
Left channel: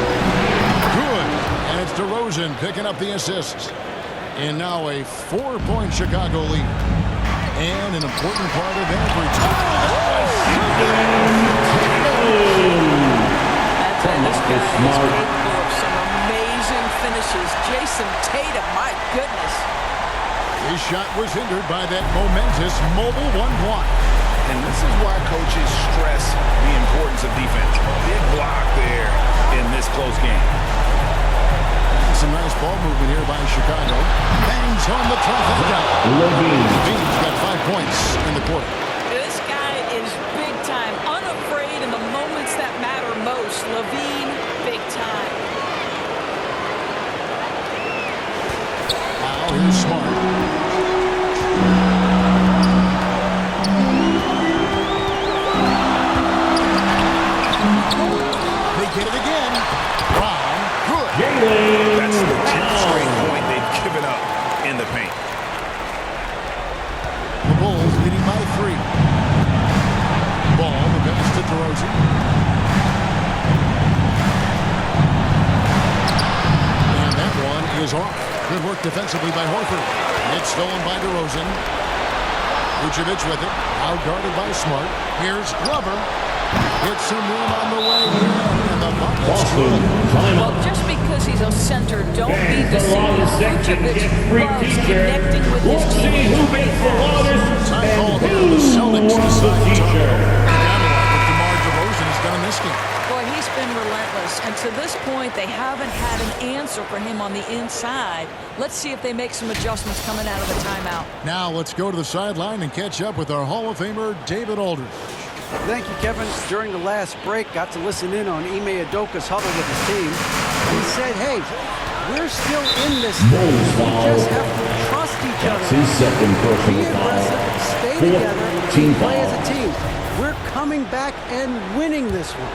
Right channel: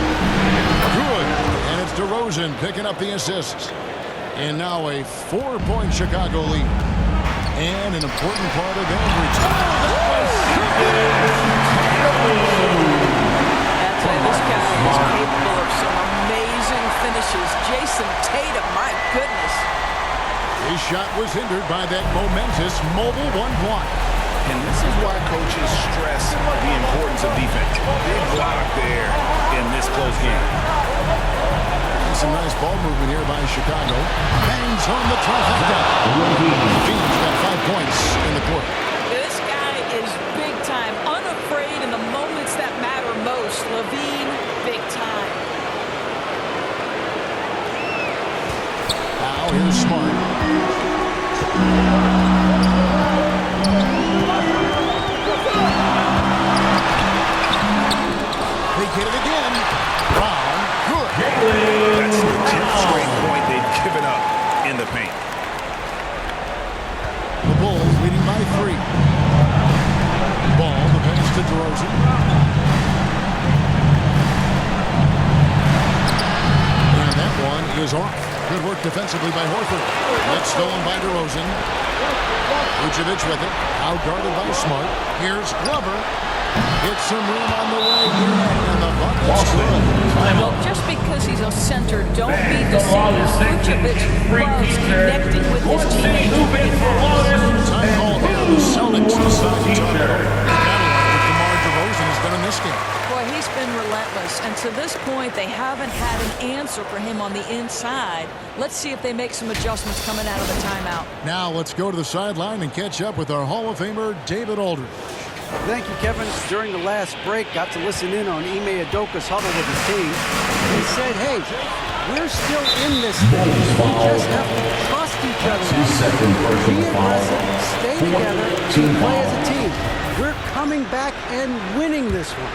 Good. And it's DeRozan picking up the assists. And now a 4-point Chicago lead. And an important part of every time. I'd say this guy is capable of some amazing finishes. Jason Tatum, my goodness. His shot was hindered by that momentous mobile one block. And this is why coaches stress the importance of defense. Big block there in this close game. And some nice ball movement here by Chicago. Bangs on the trifecta. Levine's got 5 points in the quarter. This guy is big time, unafraid in the moments that matter most. Levine, big time. Now here's Smart. They get it again. Brown, good. That's the 10th straight point they've given up in the paint. The Bulls leading by 3. Ball, the pass to DeRozan. And that one is off. Good work defensively by Horford. It's stolen by DeRozan. Vucevic with it. Outguarded by Smart. Here's Glover. Hits some room on the way in, and the bucket's Boston, good. Well, just because he's a center, don't be deceived. Vucevic loves connecting with his teammates. Great pass. Time call here. The Celtics decide to talk it over. They gotta like what DeMar DeRozan has done in this game. Boy, he's been relentless, and to this point, they haven't had an answer for him on the inside. Let's see if they make some adjustments coming out of the timeout. Now let's go to the sideline and catch up with our Hall of Famer, David Aldridge. Thank you, Kevin. During the last break, got to listen in on Ime Udoka's huddle with his team. He said, hey, we're still in this thing. We just have to trust each other. His second personal Be aggressive, stay together, and play as a team. We're coming back and winning this one.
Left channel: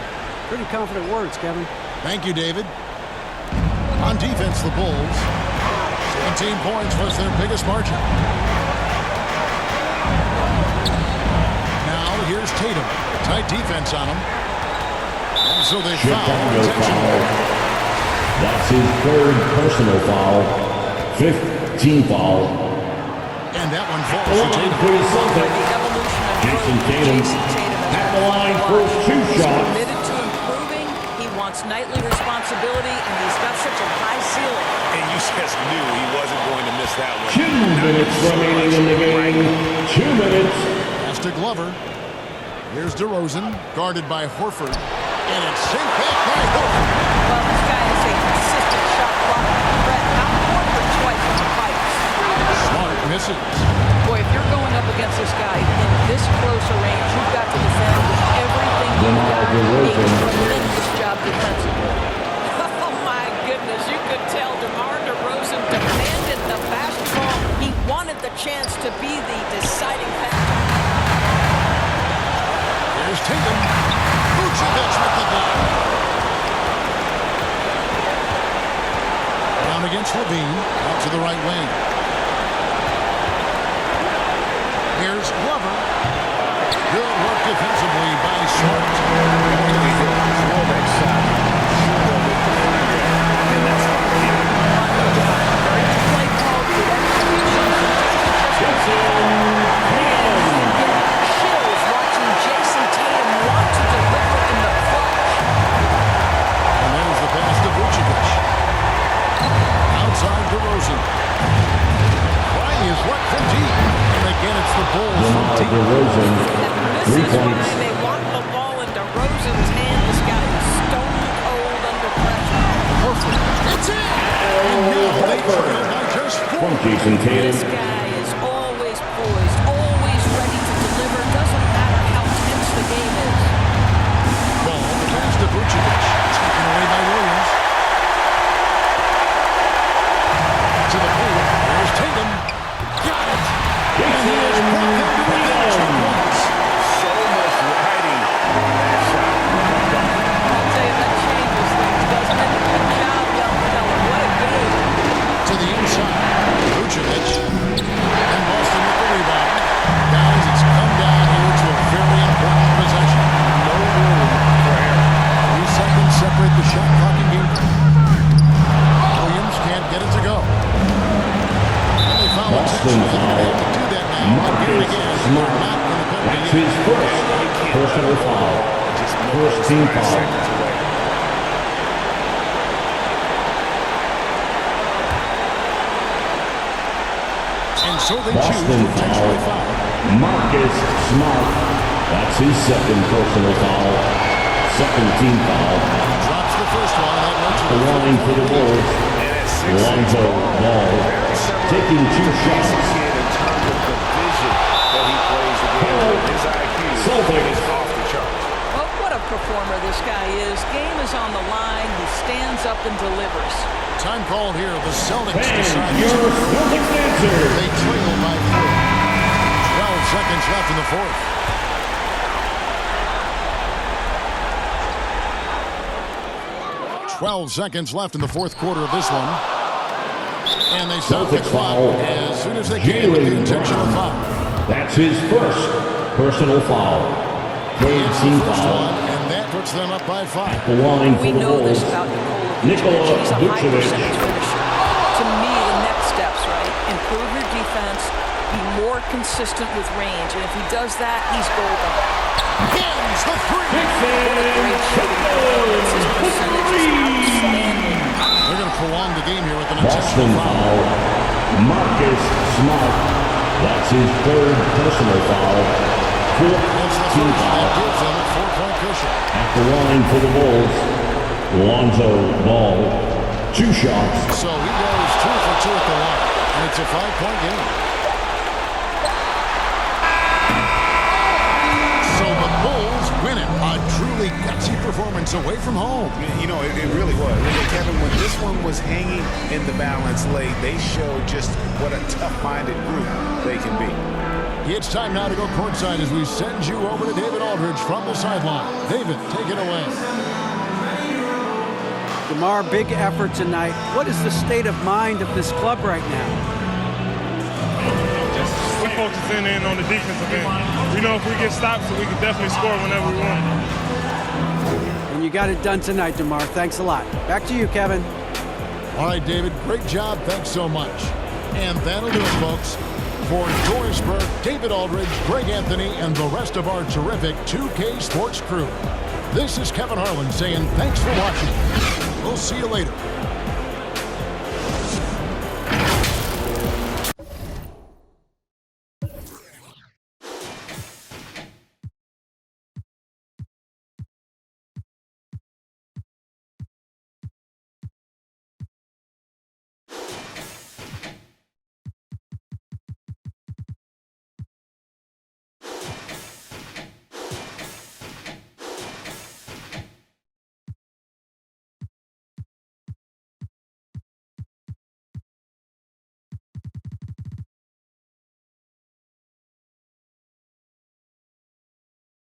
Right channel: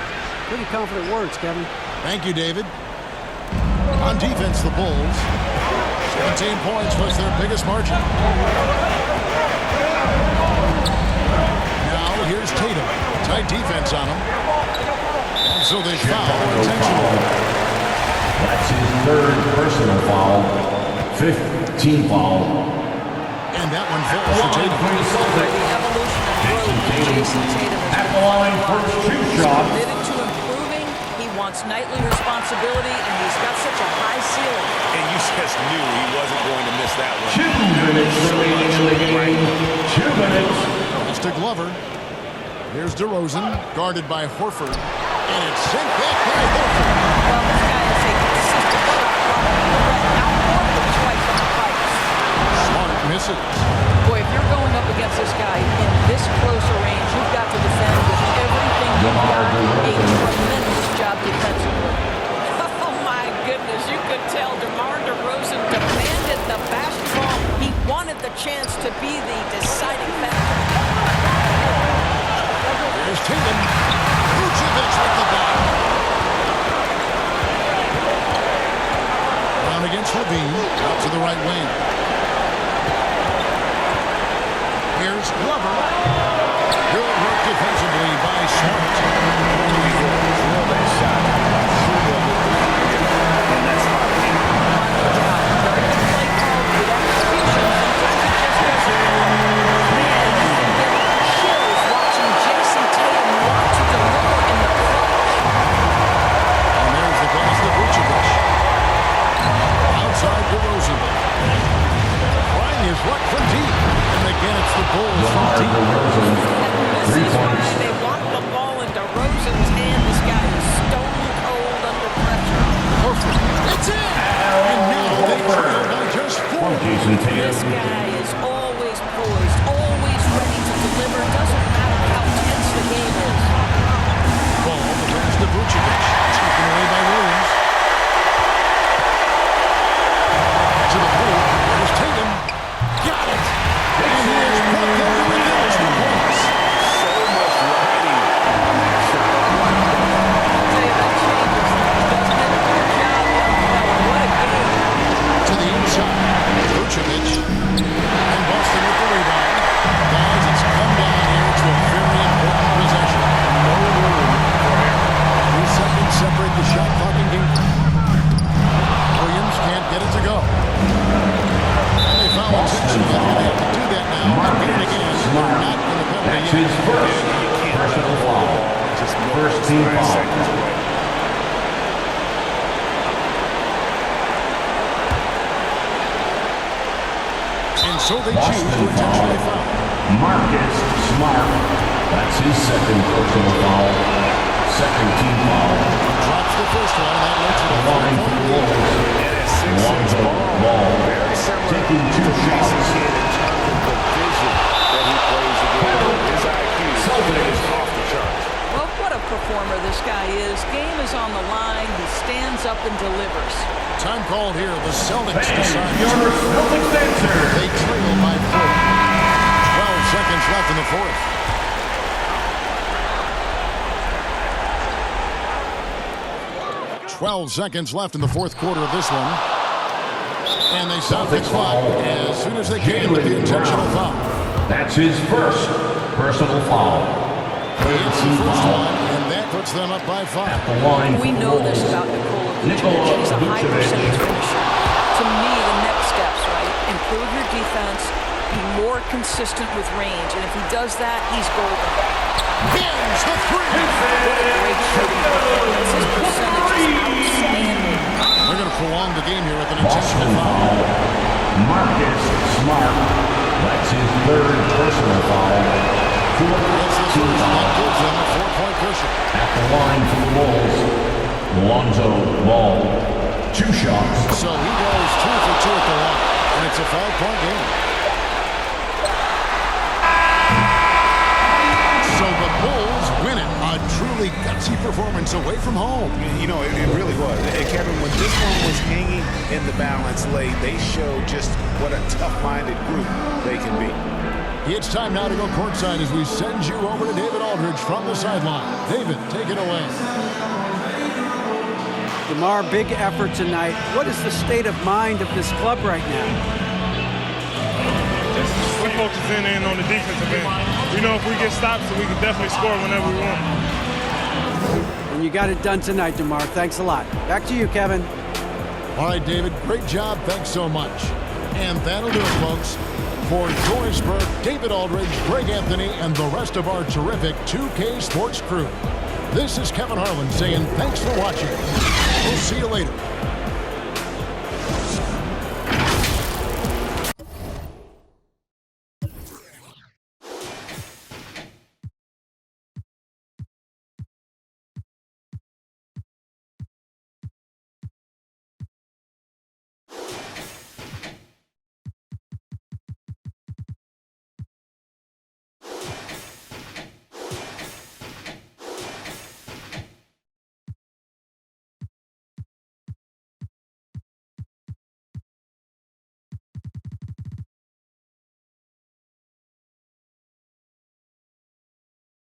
Pretty confident words, Kevin. Thank you, David. On defense, the Bulls. 17 points was their biggest margin. Now here's Tatum. Tight defense on him. And so they foul intentionally. That's his third personal foul. 5th team foul. And that one falls to Tatum. Boy, the evolution and growth of Jason Tatum has been fun to watch. He's committed to improving. He wants nightly responsibility, and he's got such a high ceiling. And you just knew he wasn't going to miss that one. 2 minutes remaining in the game. 2 minutes. Pass to Glover. Here's DeRozan, guarded by Horford. And it's sent back by Horford. Well, this guy is a consistent shot blocking threat. Now Horford twice on the pipes. Smart misses. Boy, if you're going up against this guy in this close a range, you've got to defend with everything you've got. A tremendous job defensively. Oh, my goodness. You could tell DeMar DeRozan demanded the basketball. He wanted the chance to be the deciding factor. Here's Tatum. Vucevic with the block. Down against Levine. Out to the right wing. Here's Glover. Good work defensively by Smart. Only he'll throw that shot. I'm sure they'll look to find him in that spot again. No doubt. Very good play call, good execution. Sometimes it just doesn't fall. Man, you can get chills watching Jason Tatum want to deliver in the clutch. And there's the pass to Vucevic. Outside DeRozan. Trying his luck from deep. And again, it's the Bulls from deep. And this is why they want the ball in DeRozan's hand. This guy is stone cold under pressure. Horford. It's in. And now they trail by just 4. Jason Tatum. This guy is always poised, always ready to deliver. Doesn't matter how tense the game is. Ball, the pass to Vucevic. Taken away by Williams. To the plate. There's Tatum. Got it. And he has brought them to within 2 points. So much riding on that shot. What a bucket. I'll tell you, that changes things, doesn't it? Good job, young fella. What a game. To the inside. Vucevic. And Boston with the rebound. Guys, it's come down here to a very important possession. No room for error. 3 seconds separate the shot clock and game. Williams can't get it to go. And they foul intentionally. They're going to have to do that now. And get it again. They're not going to penalty That's his first personal foul. First team foul. And so they choose to intentionally foul. Marcus Smart. That's his second personal foul. Second team foul. Drops the first one. That led to The the line for the Bulls. And at 6'6" Lonzo Ball. Very similar Taking 2 to shots. Jason Kidd in terms of the vision that he plays the game with. His IQ is off the charts. Well, what a performer this guy is. Game is on the line. He stands up and delivers. Time called here. The Celtics And decide your to Celtics answer. They trail by 4. 12 seconds left in the fourth. "12 seconds left in the fourth quarter of this one. And they stop the Celtics clock foul. as soon as they can with the intentional foul. That's his first personal foul. Third It's the team first foul. one, and that puts them up by 5. The line We for the know Bulls. this about Nikola Nikola Vucevic. He's a high Vucevic. percentage finisher. To me, the next steps, right? Improve your defense, be more consistent with range, and if he does that, he's golden. Hins the three. What a great shooting performance. His percentage is outstanding. They're going to prolong the game here with an Boston intentional foul. foul. Marcus Smart. That's his third personal foul. It's the Team first that foul. gives them a 4-point cushion. At the line for the Bulls, Lonzo Ball. 2 shots. So he goes 2 for 2 at the line, and it's a 5-point game. So the Bulls win it. A truly gutsy performance away from home. You know, it really was. And Kevin, when this one was hanging in the balance late, they showed just what a tough-minded group they can be. It's time now to go courtside as we send you over to David Aldridge from the sideline. David, take it away. DeMar, big effort tonight. What is the state of mind of this club right now? We're focusing in on the defensive end. We know if we get stops, we can definitely score whenever we want. And you got it done tonight, DeMar. Thanks a lot. Back to you, Kevin. All right, David, great job. Thanks so much. And that'll do it, folks. For Doris Burke, David Aldridge, Greg Anthony, and the rest of our terrific 2K Sports crew, this is Kevin Harlan saying thanks for watching. We'll see you later.